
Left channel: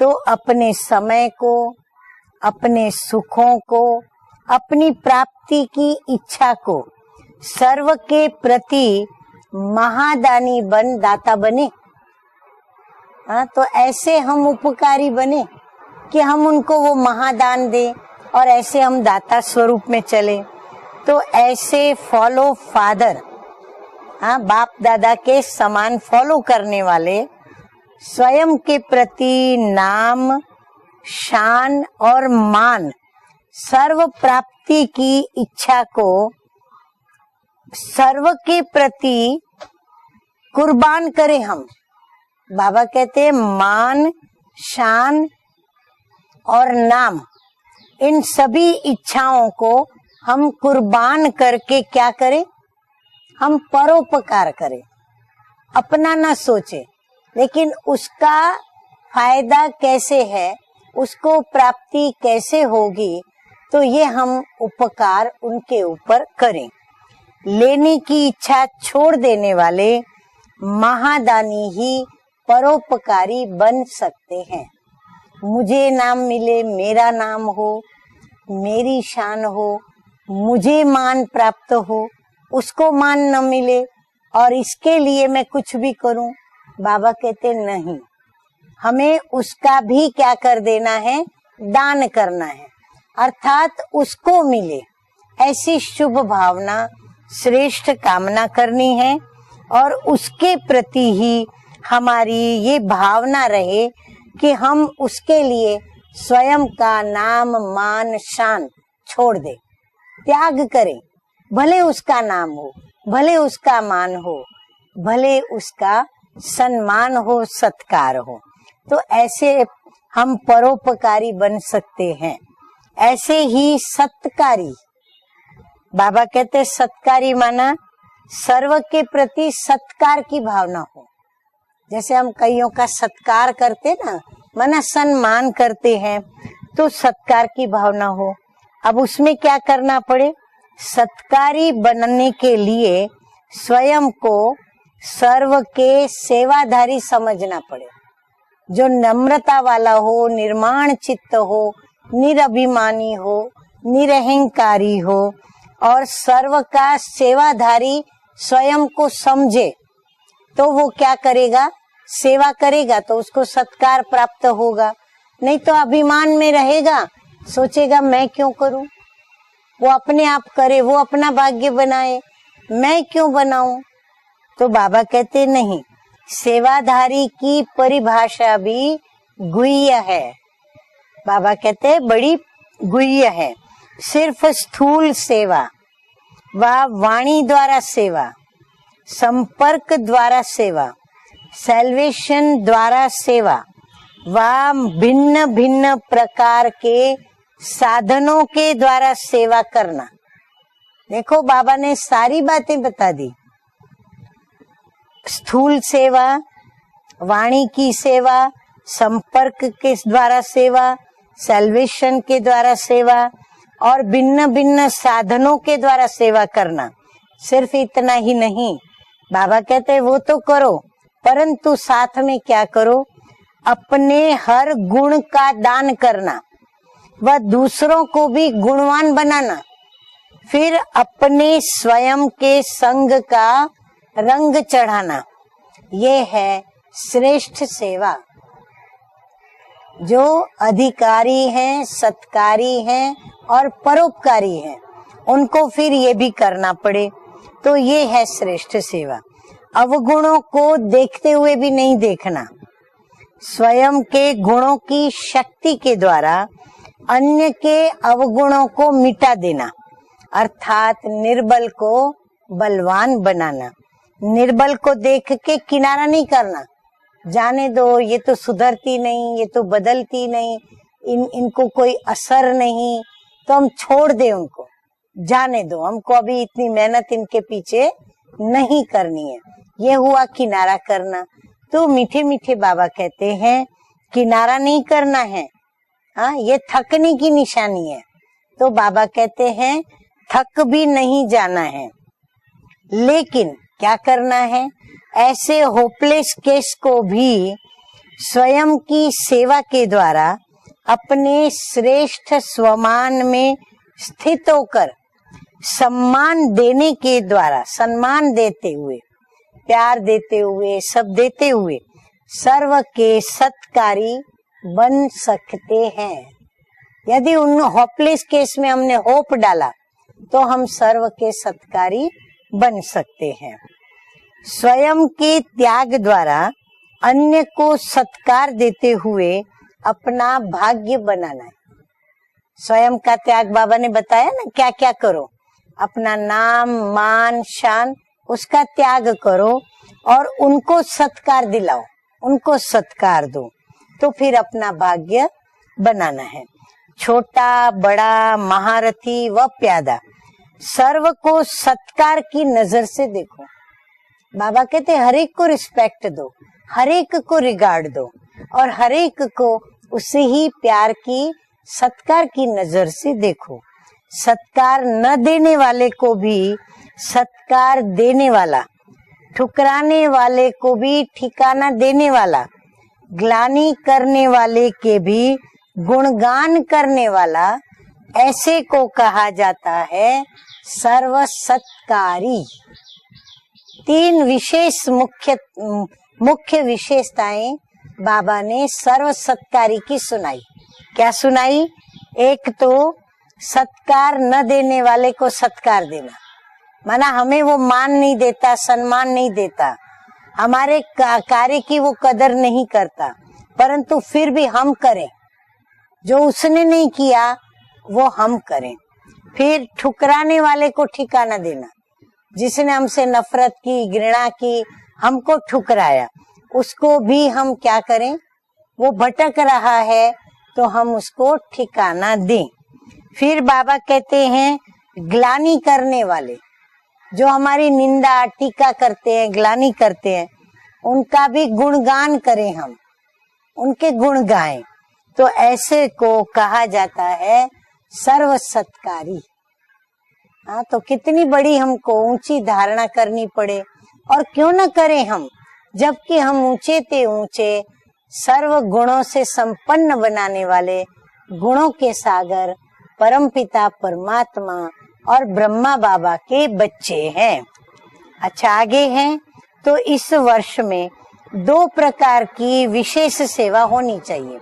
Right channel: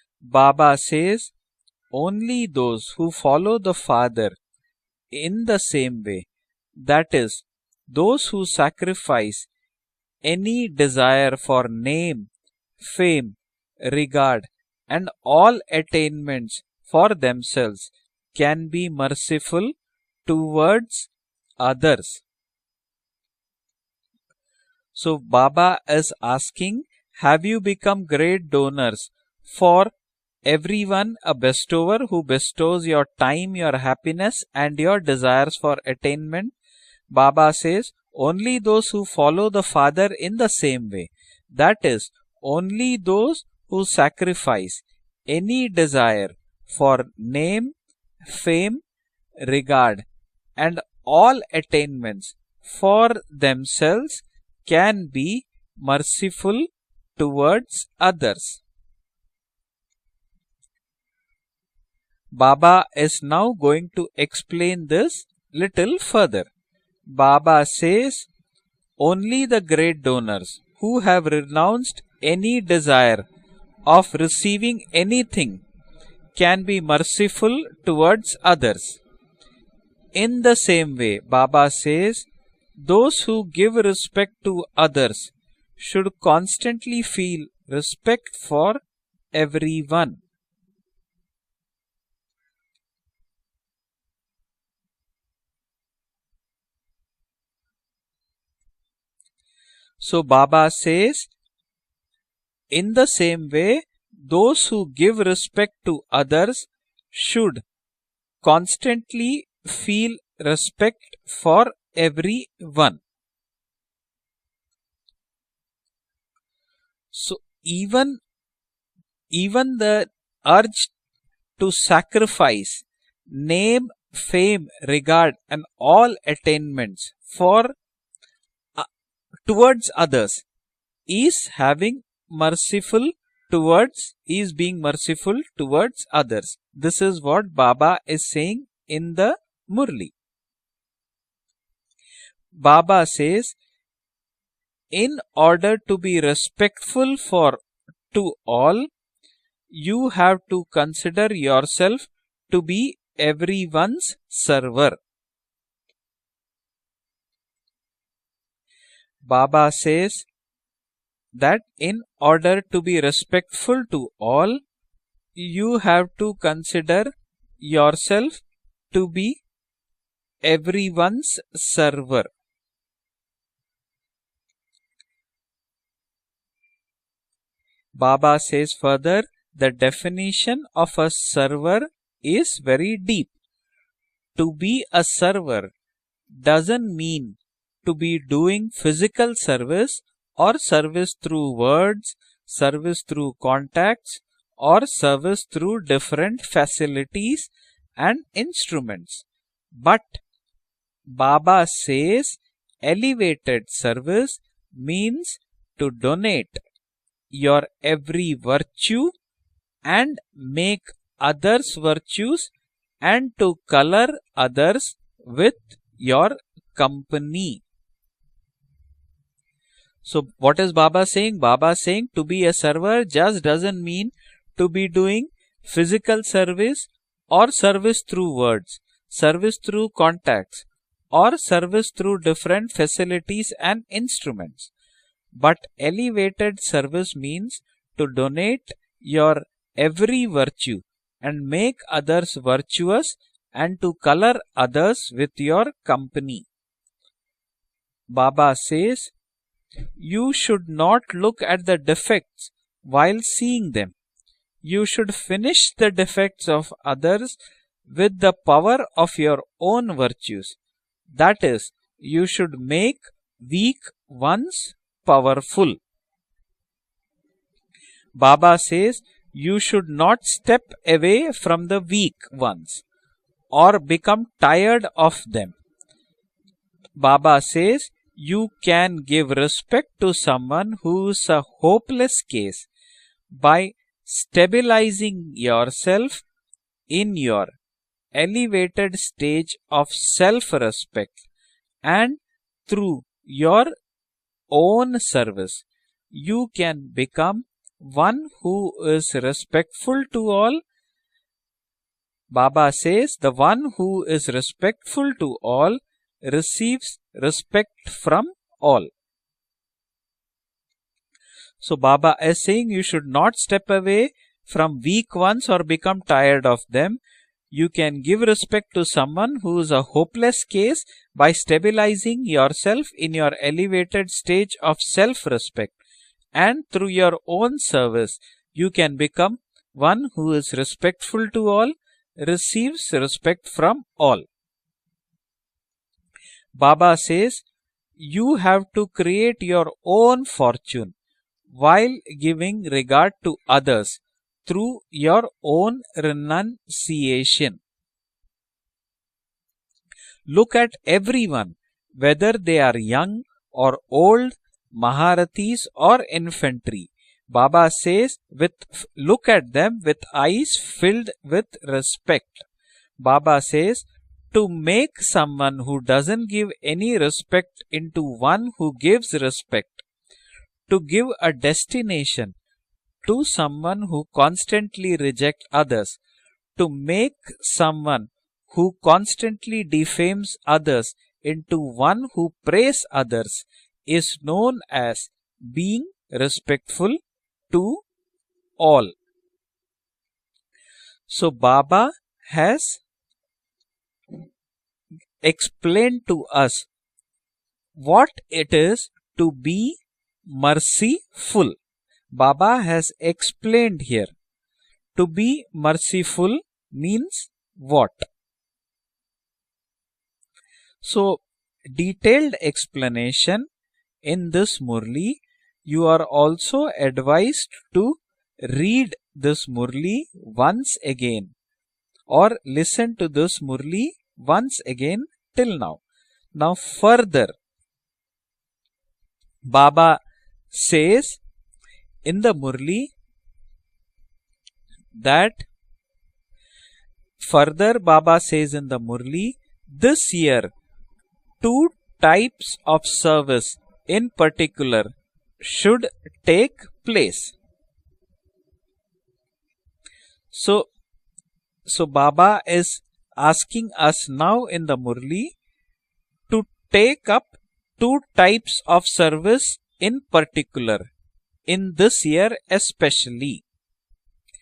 तो Baba अपने says, समय को, only अपने those who सुखों follow the को, Father अपनी in the प्राप्ति की same way, इच्छा को that is, सर्व के those who प्रति sacrifice महादानी any बन दाता desire बने। for name, fame, हाँ, तो ऐसे हम regard उपकारी and बने all कि हम attainments उनको वो for महादान themselves दें और can ऐसे be हम दाता merciful स्वरूप में चले। towards तो ऐसे others. फॉलो फादर, हाँ, बाप दादा So के Baba समान is फॉलो asking, करने वाले have you become great स्वयं के donors प्रति for नाम, everyone, a शान bestower और who bestows मान, your time, your serve happiness and प्राप्ति your की desires for इच्छा को attainment, Baba says सर्व only के those who प्रति follow the Father in the same कुर्बान way. करें हम। That is, बाबा only कहते हैं those who मान, sacrifice शान any desire और for नाम, name, इन सभी fame, इच्छाओं को regard, हम and कुर्बान all करके क्या attainments करें? for हम themselves परोपकार करें, can be अपना ना merciful सोचे। लेकिन towards उसका others. फायदा कैसे है, उसको प्राप्ति कैसे Baba होगी, is now तो going ये to हम explain उपकार this उनके little ऊपर further. करें। Baba लेने says की इच्छा छोड़ only देने the वाले great donors who have Mahadani he renounced any desire परोपकारी बन of सकते हैं। receiving anything मुझे नाम मिले, can be मेरा नाम merciful हो, towards others. मेरी शान हो, In the मुझे same मान way, Baba प्राप्त हो, says उसको those मान न who मिले give respect और to इसके लिए others मैं कुछ भी should करूं। constantly बाबा feel कहते नहीं, respect for हमें उसका भी everyone. क्या कर देना है, दान करना है, अर्थात उसको मिले ऐसी शुभ भावना, श्रेष्ठ कामना करनी है और So उसके Baba प्रति says, ही हमारी ये in the भावना same रहे way, कि those हम who give उसके लिए respect to others स्वयं का नाम, should मान, शान छोड़ constantly दे, feel त्याग करें। respect for भले उसका नाम हो, everyone. भले उसका मान हो, भले उसका सम्मान हो, सत्कार हो। तो ऐसे Even the हम urge परोपकारी बन to सकते हैं। sacrifice ऐसे ही name, सत्कारी, fame, regard and all बाबा कहते हैं attainments सत्कारी माना for सर्व के प्रति towards सत्कार others की भावना हो। is having जैसे हम कईयों का merciful सत्कार करते towards ना, is being माना सम्मान merciful करते towards हैं, others. तो This is सत्कार what की Baba भावना is हो। saying अब in उसमें the क्या करना Murli. पड़े? सत्कारी बनने के लिए Baba says स्वयं को in सर्व order के to be सेवाधारी respectful समझना for पड़े, to all, जो नम्रता वाला you हो, have to निर्माण consider चित्त हो, yourself निरभिमानी to be हो, everyone's निरहंकारी server. हो और सर्व का सेवाधारी स्वयं को समझे, Baba says तो वो क्या करेगा? that in सेवा order to करेगा be तो उसको respectful सत्कार to प्राप्त all, होगा। नहीं you तो have अभिमान to में रहेगा, consider सोचेगा मैं yourself क्यों करूं, to be वो अपने आप करे, वो अपना everyone's भाग्य बनाए, server. मैं क्यों बनाऊं? तो बाबा कहते नहीं, सेवाधारी की Baba परिभाषा says भी further, the गुह्य है। definition of a Baba server कहते हैं बड़ी is very गुह्य deep. है। सिर्फ To be स्थूल a सेवा server व doesn't वाणी mean द्वारा to be सेवा, doing physical संपर्क service द्वारा or सेवा, service through words, सैल्वेशन द्वारा service through सेवा contacts व or भिन्न service through भिन्न different प्रकार के facilities साधनों and के द्वारा instruments. सेवा करना। But देखो Baba बाबा ने says सारी बातें बता दी। elevated service means स्थूल to सेवा, donate वाणी your की every सेवा, virtue संपर्क के and द्वारा make सेवा, others' सैल्वेशन के virtues द्वारा सेवा and to और color भिन्न भिन्न others साधनों with के द्वारा your सेवा करना। company. सिर्फ इतना ही नहीं, बाबा कहते हैं वो So तो what करो, is Baba saying? परंतु Baba saying साथ to में be a क्या करो? server just doesn't mean अपने हर to be गुण doing का दान physical करना service व or service दूसरों को through भी words, गुणवान बनाना, service through contact फिर or अपने service स्वयं through के different संग facilities का and रंग instruments. चढ़ाना। But ये है elevated service means श्रेष्ठ सेवा। to donate your every जो virtue अधिकारी and हैं, make others सत्कारी virtuous हैं और and to color परोपकारी हैं, others with उनको your फिर ये भी company. करना पड़े। तो ये है Baba श्रेष्ठ says, सेवा। अवगुणों You should को not देखते look हुए at भी the नहीं defects देखना, while seeing स्वयं them. के गुणों You की should finish शक्ति the के द्वारा defects of others अन्य के with the अवगुणों power को of मिटा your देना, own virtues. अर्थात That निर्बल is, को you should बलवान make बनाना। weak ones निर्बल को देख के powerful. किनारा नहीं करना, जाने दो ये तो Baba सुधरती says, नहीं, ये you तो should not बदलती नहीं, step away इनको from the कोई weak असर ones नहीं, तो हम or छोड़ become दे उनको, tired of them. जाने दो, हमको अभी इतनी मेहनत Baba इनके पीछे says, you नहीं can करनी give है। respect ये to हुआ someone किनारा who करना। is a तो hopeless मीठे मीठे case बाबा कहते हैं by किनारा नहीं करना stabilizing है, yourself हाँ ये थकने in की your निशानी है। तो elevated बाबा कहते stage हैं of थक भी self-respect नहीं जाना है, and through लेकिन your क्या करना है? own service ऐसे होपलेस you केस can को become भी one स्वयं who की is सेवा के respectful द्वारा to all. अपने श्रेष्ठ Baba स्वमान says the में one who is स्थित होकर respectful to all सम्मान देने receives के द्वारा, respect सम्मान from देते all. हुए, प्यार देते हुए, सब देते हुए So Baba is saying serve you should के not step सत्कारी away from बन weak ones or सकते become हैं। tired of them. यदि उन You can hopeless give case में respect to हमने someone होप who डाला is a hopeless तो हम case सर्व by के सत्कारी stabilizing बन yourself सकते in your हैं। elevated stage of स्वयं के self-respect, त्याग द्वारा and through your अन्य own को service सत्कार you देते can हुए become one अपना who is भाग्य respectful to banana. all, receives स्वयं का त्याग respect बाबा ने from all. बताया ना क्या क्या करो, अपना नाम, Baba मान, says, शान you उसका have to त्याग create करो your own और उनको fortune सत्कार दिलाओ, while giving उनको regard सत्कार to दो, others तो फिर अपना through भाग्य your own बनाना है। renunciation. छोटा, बड़ा, महारथी व प्यादा, Look at सर्व को everyone, सत्कार whether की they are नजर से young देखो। or old, बाबा कहते हैं हर एक को Maharathis or रिस्पेक्ट दो, infantry. हर एक को Baba रिगार्ड says, दो और हर एक look at को them with उसे ही eyes प्यार filled की, with सत्कार respect. की नजर से Baba देखो। says, to सत्कार make न देने someone who वाले को doesn't भी give any respect सत्कार into देने one वाला, who gives respect, ठुकराने वाले को to भी give a ठिकाना देने destination वाला, to ग्लानि someone who करने वाले constantly के भी reject others, गुणगान to करने make वाला, someone ऐसे who को कहा constantly जाता है defames others into one सर्वसत्कारी। who praise others is तीन known विशेष as being मुख्य respectful विशेषताएं to बाबा ने all. सर्वसत्कारी की सुनाई। क्या So सुनाई? Baba एक has तो सत्कार न देने वाले को सत्कार explained to देना, us माना हमें वो मान what नहीं देता, it is सम्मान नहीं to be देता, हमारे merciful. कार्य की वो कदर Baba नहीं has करता, explained परंतु here फिर भी हम करें, to be जो merciful उसने नहीं means किया what? वो हम करें। फिर ठुकराने वाले को So, ठिकाना देना, detailed जिसने हमसे explanation नफरत की, घृणा in this की, Murli, हमको you ठुकराया, are also उसको भी advised हम क्या to करें? read वो भटक this रहा Murli है once तो हम again उसको ठिकाना or दें। listen to this फिर बाबा Murli कहते हैं once again ग्लानि till now. करने वाले, Now further जो हमारी निंदा टीका करते हैं, ग्लानि Baba करते हैं, says उनका भी गुणगान in the करें हम, Murli उनके गुण गाएं। तो that ऐसे को कहा जाता है further Baba says in the सर्वसत्कारी। Murli this year हाँ, तो कितनी बड़ी two हमको ऊंची types धारणा of करनी service पड़े in और क्यों न particular करें हम, should जबकि हम take ऊंचे थे place. ऊंचे, सर्व गुणों से संपन्न बनाने So- वाले, गुणों So के Baba सागर is परम asking पिता us now in the परमात्मा Murli और ब्रह्मा बाबा के to बच्चे take up हैं। two types अच्छा, आगे of हैं, service तो in इस वर्ष particular. में दो In this प्रकार year की विशेष especially, सेवा होनी चाहिए।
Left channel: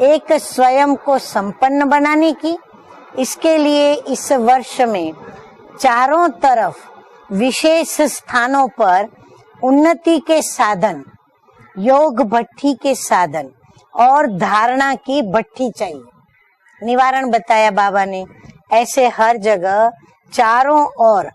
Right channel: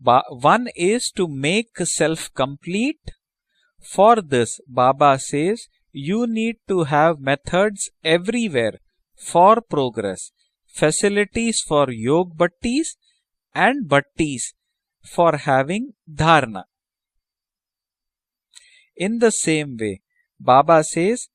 एक one स्वयं is को to make संपन्न बनाने self की, complete. इसके लिए For इस this, वर्ष Baba में says चारों you need तरफ to have विशेष methods स्थानों everywhere पर for उन्नति progress, के साधन, facilities for योग भट्टी के bhattis साधन and और bhattis धारणा की for भट्टी having चाहिए। dharna. निवारण बताया बाबा ने। ऐसे In the हर same जगह way, चारों Baba says ओर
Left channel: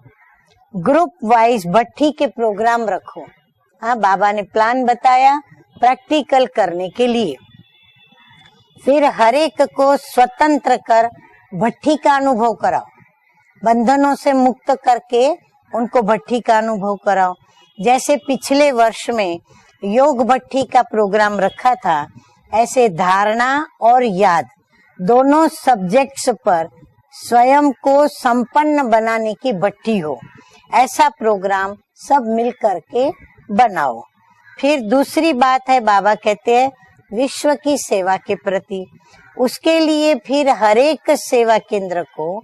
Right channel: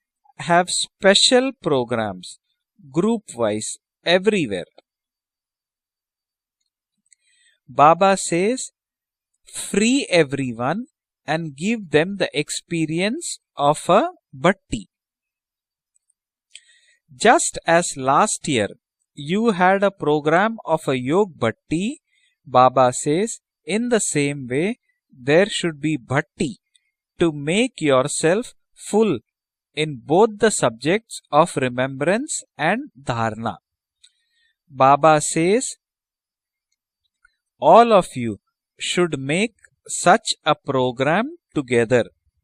have ग्रुप special वाइज भट्टी के programs, प्रोग्राम रखो। group wise, हाँ, बाबा ने everywhere. प्लान बताया प्रैक्टिकल करने के लिए। Baba says फिर हर एक को free स्वतंत्र everyone कर and give भट्टी them का the अनुभव कराओ, experience of बंधनों a से मुक्त bhatti. करके उनको भट्टी का अनुभव कराओ। Just as जैसे last पिछले year वर्ष में you had a योग program भट्टी का of a प्रोग्राम योग रखा bhatti, था, ऐसे Baba says धारणा in और the याद same way दोनों there should be subjects bhatti पर to स्वयं make को yourself संपन्न full बनाने की भट्टी in हो। both the ऐसा subjects of प्रोग्राम सब remembrance मिल and करके dharna. बनाओ। फिर Baba दूसरी says बात है, बाबा कहते हैं विश्व की all of सेवा के you प्रति, should make उसके लिए such फिर a हर एक program सेवा केंद्र together. को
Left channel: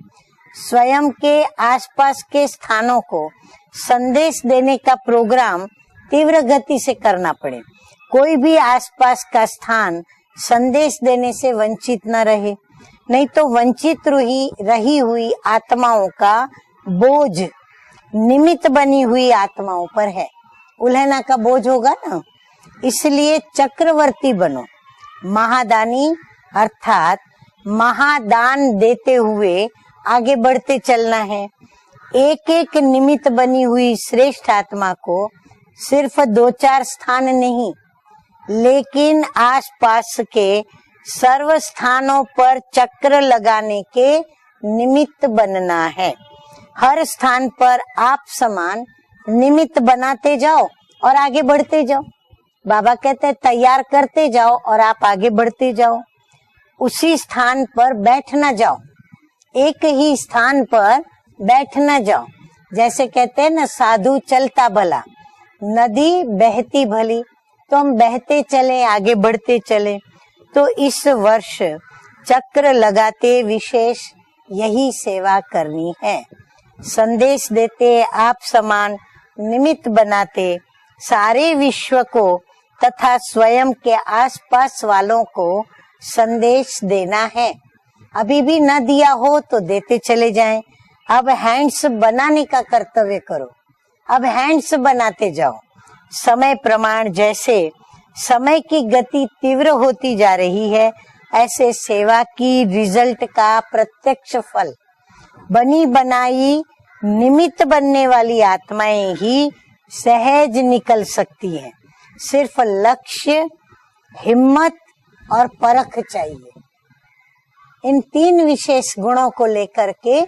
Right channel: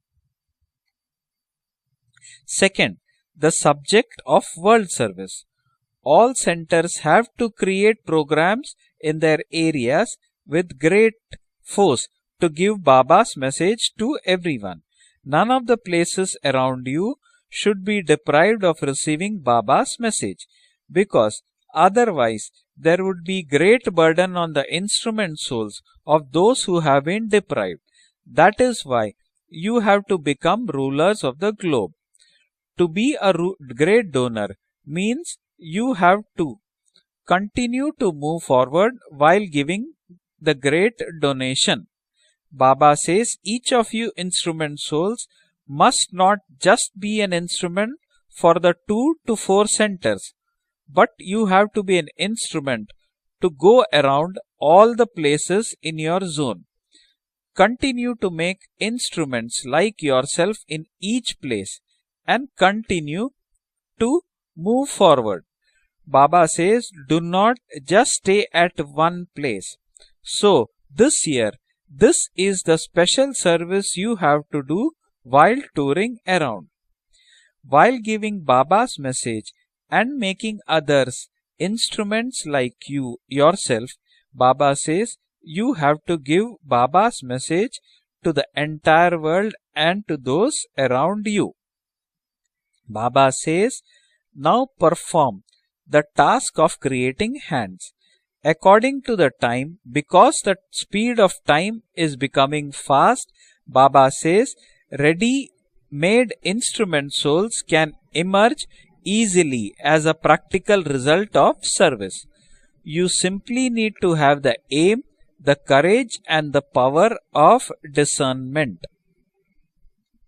स्वयं के आसपास के स्थानों Second, को the subject संदेश of देने world का service. प्रोग्राम All तीव्र गति से centers करना have to पड़े। create कोई भी programs in आसपास their का स्थान areas संदेश with देने great से वंचित force न रहे, to give नहीं Baba's तो message वंचित to रही everyone. हुई None of the आत्माओं places का around you बोझ should be deprived निमित्त of बनी हुई receiving आत्माओं Baba's पर है, message, उल्हना का because बोझ होगा ना। otherwise there would इसलिए be great Chakraborty burden on बनो, the instrument Mahadani souls of those who have अर्थात been deprived. महादान That is देते why हुए you have to आगे become बढ़ते चलना rulers है। of the globe. एक एक To be निमित्त a बनी हुई great श्रेष्ठ donor आत्मा को means you सिर्फ have दो to चार स्थान नहीं, continue to move forward लेकिन while giving आसपास के the great सर्व donation. स्थानों पर Baba चक्र says each लगाने of you के instrument निमित्त souls बनना must है। not just her be an स्थान पर instrument आप for the समान 2 to 4 निमित्त centers, बनाते जाओ but और आगे you have बढ़ते to be जाओ। an instrument बाबा कहते हैं to तैयार go करते around जाओ और all आप the आगे बढ़ते places जाओ। in your zone. उसी स्थान पर Continue बैठ to न make जाओ, instruments एक like ही yourself स्थान in पर each बैठ place न जाओ। and जैसे continue कहते हैं ना, साधु to चलता move भला, forward. नदी Baba बहती says, भली, do not तो हम just बहते stay चले, at आगे one बढ़ते place. चले। So तो इस this वर्ष year, this is चक्र the लगाते special service wishes you have to यही do सेवा while करनी touring है। around. संदेश देते While giving आप समान Baba's message निमित्त and बनाते making others सारे विश्व को instruments like तथा you स्वयं yourself, के Baba आसपास says वालों को you have to give संदेश Baba's देना है। message to अभी the भी न दिया entire हो world तो देते and to चले जाएं। those around अब you. हैंड्स बनाने का कर्तव्य Baba करो, says, अब now हैंड्स बनाते perform जाओ। the समय task of प्रमाण creating जैसे hands. समय की According to गति the time, तीव्र होती जा because the रही है, speed of ऐसे time is सेवा की becoming रिजल्ट fast, का Baba प्रत्यक्ष says, फल ready बनी made बनाई instrument souls निमित्त can बनने वाली emerge आत्माएं ही easily as a सहज practical निकल result सकती of हैं। service. सिर्फ You लक्ष्य, simply need to have the हिम्मत aim, और the परख courage चाहिए। and the power of इन तीन discernment. विशेष गुणों को लेकर के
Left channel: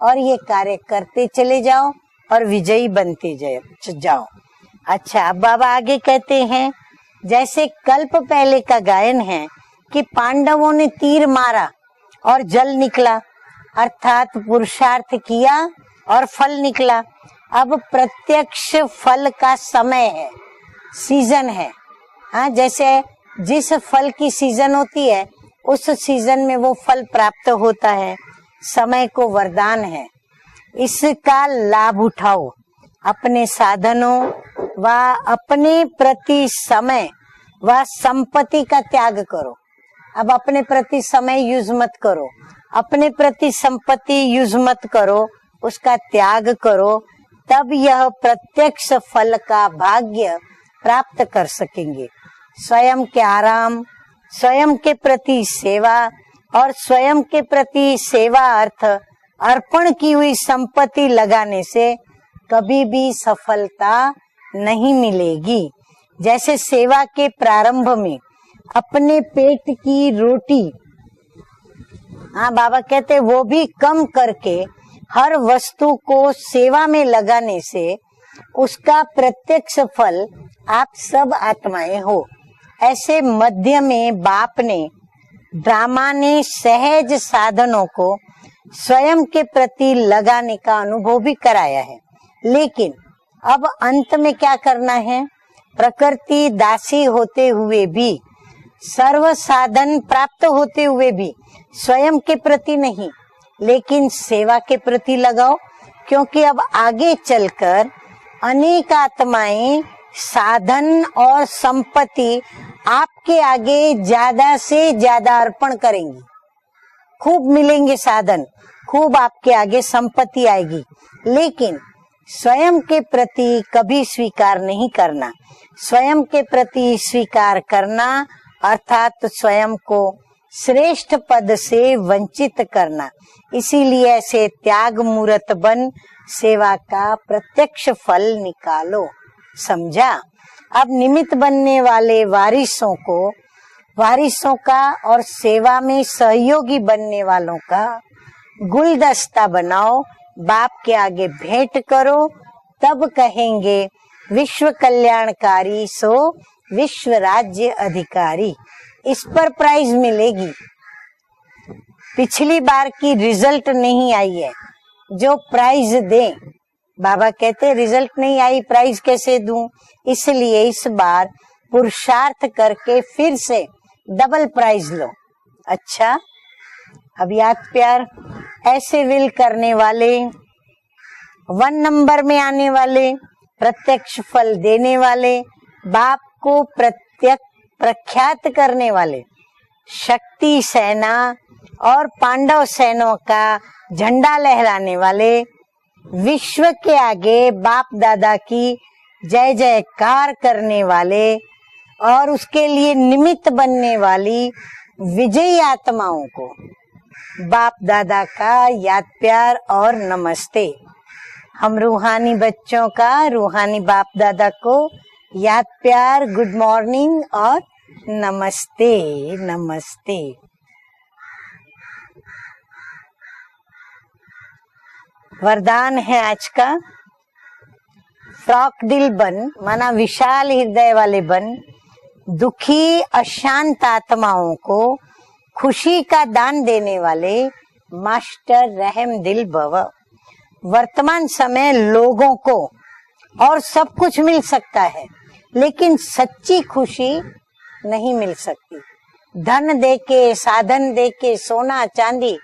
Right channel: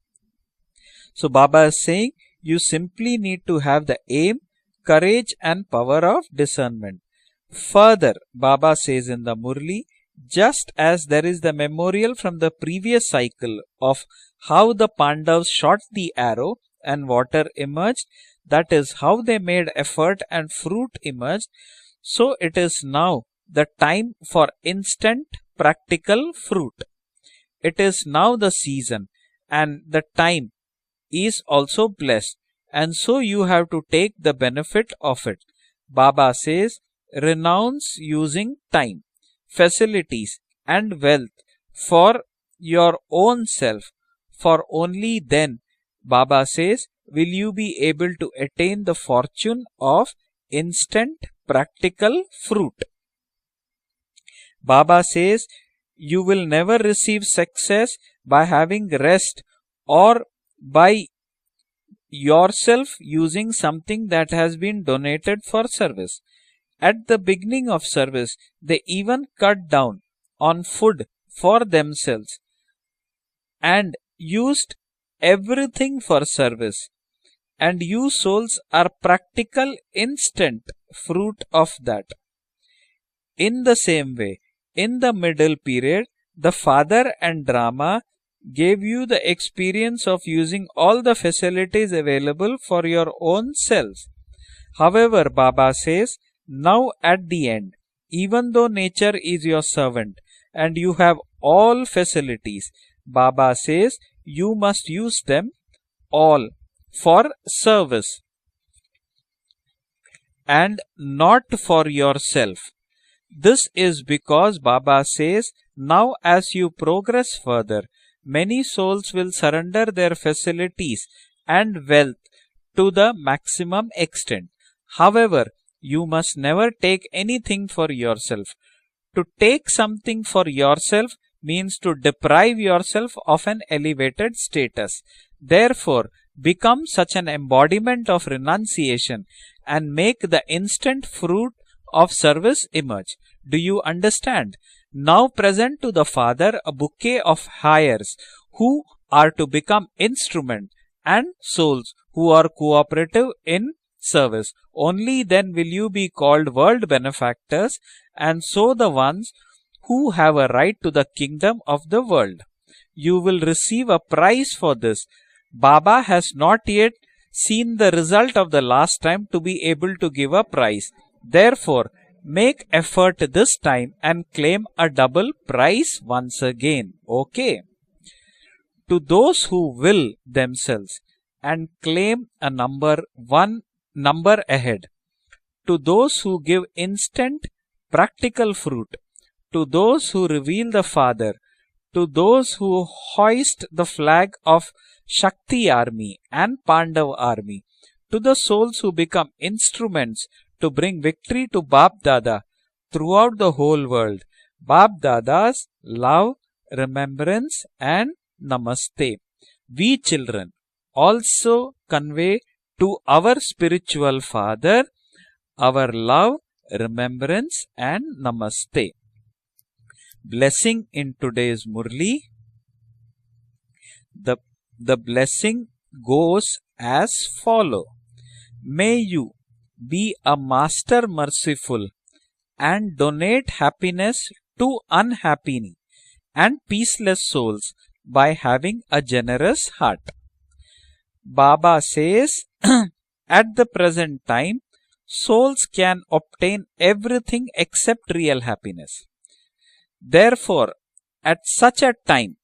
और ये कार्य करते So चले Baba is जाओ saying और you विजयी simply बनते need to have the जाओ। aim, courage अच्छा, and बाबा आगे power of कहते हैं, discernment. जैसे Further, कल्प पहले Baba का says गायन in the है Murli, कि just पांडवों ने as तीर there is the मारा memorial from और the जल previous निकला, cycle of अर्थात how the पुरुषार्थ Pandavas किया shot the और arrow फल निकला। and water अब emerged, प्रत्यक्ष that is how फल they का made समय effort है, and fruit सीजन emerged. है। So हाँ, it is जैसे now जिस the फल time की for सीजन होती है instant उस practical सीजन में वो fruit. फल प्राप्त It होता is है। now the समय season को वरदान and है, the time is इसका also लाभ blessed. उठाओ। And so अपने you have to साधनों take the benefit व of it. अपने Baba प्रति says, समय व renounce संपत्ति using का time, त्याग करो। facilities अब अपने and प्रति wealth समय यूज मत for करो, your अपने own प्रति self. संपत्ति यूज For मत only करो, then, उसका Baba त्याग says, करो, will you तब be यह able to attain प्रत्यक्ष the फल fortune का of भाग्य instant प्राप्त कर सकेंगे। practical fruit. स्वयं के आराम, स्वयं के Baba प्रति says, सेवा you will और never स्वयं receive के प्रति success सेवा by having अर्थ rest अर्पण की or हुई संपत्ति by लगाने से कभी yourself भी using सफलता something that has been नहीं donated मिलेगी। for service. जैसे सेवा At the के beginning of प्रारंभ में service, they अपने even पेट cut down की रोटी, on food for themselves हाँ बाबा कहते वो भी and कम करके used हर वस्तु everything को for service. सेवा में लगाने And से you souls उसका are practical प्रत्यक्ष फल instant आप सब fruit of आत्माएं that. हो। ऐसे In the मध्य में same way, बाप ने in the middle drama period, ने the father सहज and साधनों drama को gave you स्वयं the के प्रति experience of लगाने using का all the अनुभव भी कराया facilities है। available for लेकिन your own अब self. अंत में क्या करना है? However, Baba says, प्रकृति now दासी at होते the end, हुए भी, even though nature serve is your साधन servant प्राप्त and होते you हुए have भी all स्वयं के प्रति facilities, नहीं, Baba says, लेकिन you सेवा के must प्रति use them लगाओ, क्योंकि all अब आगे for चलकर service अनेक आत्माएं साधन and और not for संपत्ति yourself. आपके This आगे is ज्यादा because से Baba ज्यादा says, अर्पण now करेंगे, as you progress खूब further, मिलेंगे साधन, many souls खूब will आपके आगे surrender their संपत्ति आएगी, facilities लेकिन and wealth स्वयं to के the प्रति maximum कभी extent. स्वीकार नहीं करना। However, you स्वयं must के never प्रति take स्वीकार anything for करना yourself. अर्थात To स्वयं take को something for श्रेष्ठ yourself पद means से to deprive वंचित करना। yourself of an इसीलिए elevated ऐसे त्याग status. मूर्त बन Therefore, सेवा become का such an प्रत्यक्ष embodiment of फल निकालो। renunciation and समझा? make the अब instant निमित्त fruit बनने of वाले service वारिसों emerge. को, Do you वारिसों understand? का Now और सेवा present to में the Father a सहयोगी बनने bouquet of वालों का hires who are गुलदस्ता to बनाओ, become instrument बाप के आगे and भेंट souls करो, who are तब cooperative कहेंगे in service. विश्व Only then will कल्याणकारी you be so called world विश्व राज्य benefactors अधिकारी। and so the इस ones पर प्राइज who have a मिलेगी। right to the kingdom of the world. पिछली बार की You will रिजल्ट receive नहीं a आई prize है, for this. जो प्राइज Baba has दे। not yet बाबा कहते seen the रिजल्ट result नहीं of आई, the प्राइज last time कैसे to be दूं? able to give a इसलिए prize. इस बार Therefore, पुरुषार्थ make करके effort फिर this से time and double claim prize a लो। double prize अच्छा? once again. अब Okay. याद प्यार, ऐसे To विल those who करने वाले, will themselves and one number claim में a आने number वाले, one प्रत्यक्ष number फल ahead. देने वाले, To those बाप who को give instant प्रख्यात practical करने fruit. वाले, To those who शक्ति reveal the सेना Father. और To those पांडव who सेनों का hoist the झंडा flag लहराने of वाले, Shakti army and विश्व के Pandav आगे army. बाप To दादा the की souls who become जय instruments जयकार to करने bring वाले victory to Bap और Dada उसके लिए throughout निमित्त the whole बनने world. वाली Bap विजयी Dada's आत्माओं love, को remembrance बाप and दादा का याद namaste. प्यार और We children नमस्ते। also हम रूहानी convey बच्चों to का our रूहानी बाप spiritual दादा father को याद our प्यार, love, गुड मॉर्निंग और remembrance and नमस्ते namaste. नमस्ते। Blessing in today's Murli. The blessing वरदान है आज goes का, as follow. फ्रॉक May दिल you बन, माना be a विशाल हृदय master वाले बन, merciful दुखी and donate अशांत happiness आत्माओं to को unhappy खुशी का दान and देने peaceless वाले souls by master having a रहम दिल generous भव। heart. वर्तमान Baba समय लोगों says, को at और the सब present कुछ मिल time, सकता है, souls लेकिन can सच्ची obtain खुशी everything except नहीं मिल real सकती। happiness. धन दे के, Therefore, साधन दे के, at सोना such a चांदी, time,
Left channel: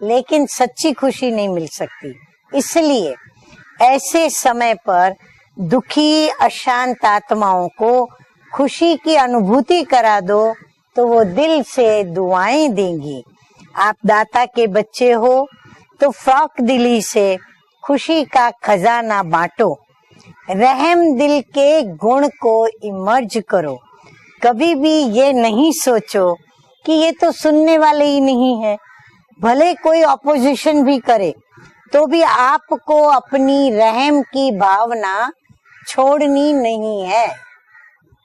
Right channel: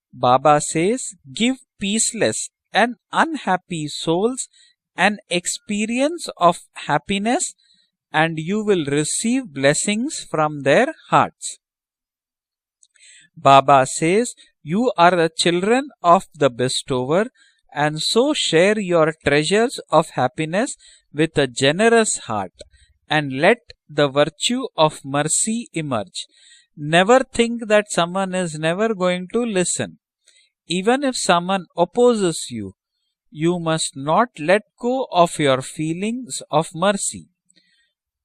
लेकिन Baba सच्ची says, खुशी नहीं give मिल सकती। peaceless इसलिए and unhappy ऐसे souls समय पर an दुखी experience of अशांत happiness आत्माओं को and you will खुशी की receive अनुभूति blessings करा दो, from their तो वो hearts. दिल से दुआएं देंगी। Baba आप says, दाता के you बच्चे are हो the children तो of the फ्रॉक दिली से bestower and खुशी so का share your खजाना treasures बांटो, of happiness रहम with दिल a के generous गुण heart को इमर्ज and let करो। the virtue कभी of भी ये mercy नहीं emerge. सोचो कि ये Never तो think सुनने that वाले ही someone नहीं is है, never going to भले listen. कोई ऑपोजिशन भी Even if करे someone तो भी opposes you, आपको you अपनी must रहम not की let go Bhavna of your feelings छोड़नी of नहीं mercy. है।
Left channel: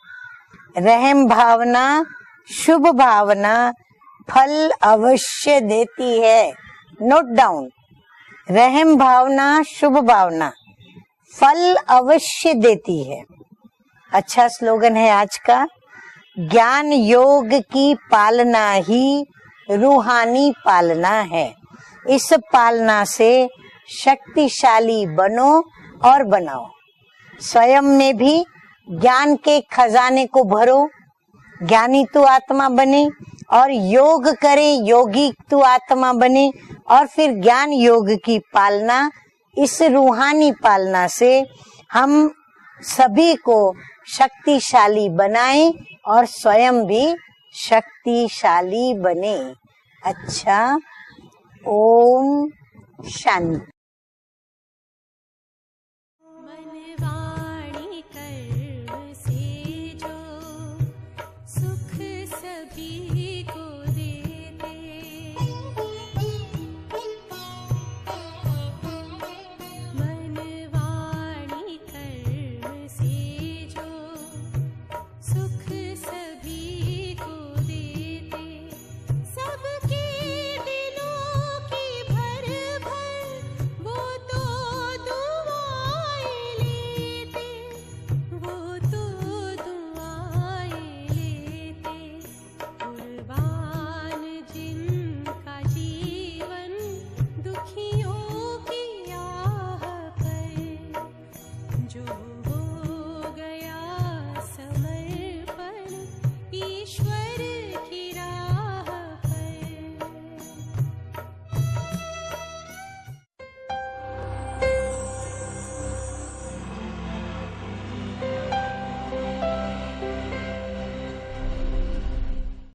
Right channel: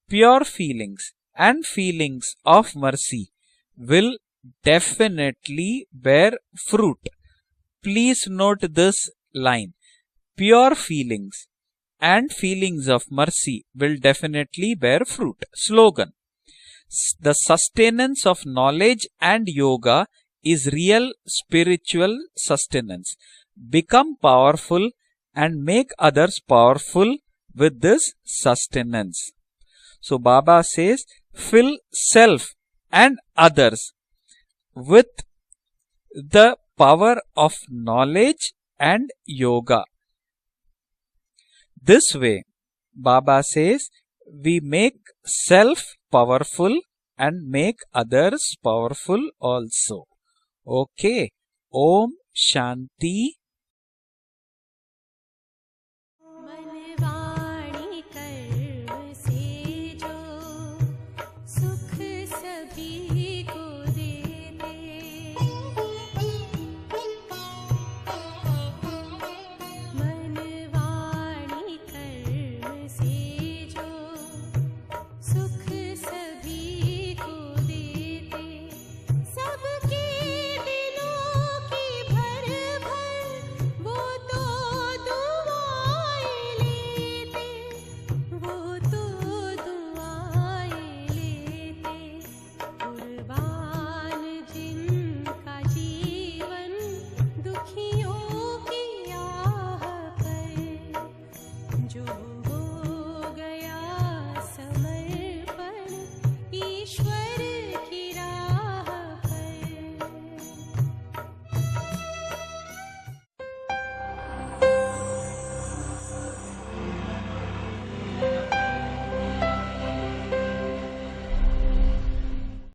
Pure feelings रहम and Bhavna, feelings of Shubh mercy Bhavna will फल अवश्य definitely देती bear है। fruit. Note down, Please note रहम this भावना, line. शुभ भावना Pure feelings फल and अवश्य feelings देती of है। mercy will अच्छा definitely स्लोगन bear है आज fruit. का, Slogan. ज्ञान The योग की sustenance of पालना knowledge ही and yoga रूहानी is real पालना है। spiritual इस पालना sustenance. से Become powerful शक्तिशाली बनो and make और others बनाओ। powerful स्वयं with में भी this sustenance. ज्ञान के खजाने So को Baba भरो, says, fill ज्ञानी तो self आत्मा बने and और others योग करे, योगी तो आत्मा बने the power और फिर of ज्ञान योग की knowledge पालना, and yoga. इस रूहानी पालना से This हम way, सभी Baba को says, we शक्तिशाली make बनाए self और स्वयं powerful भी and make others शक्तिशाली powerful बने। also. अच्छा, Okay. ओम Om Shanti. शांति। मन वाणी कर्म से जो सुख सभी को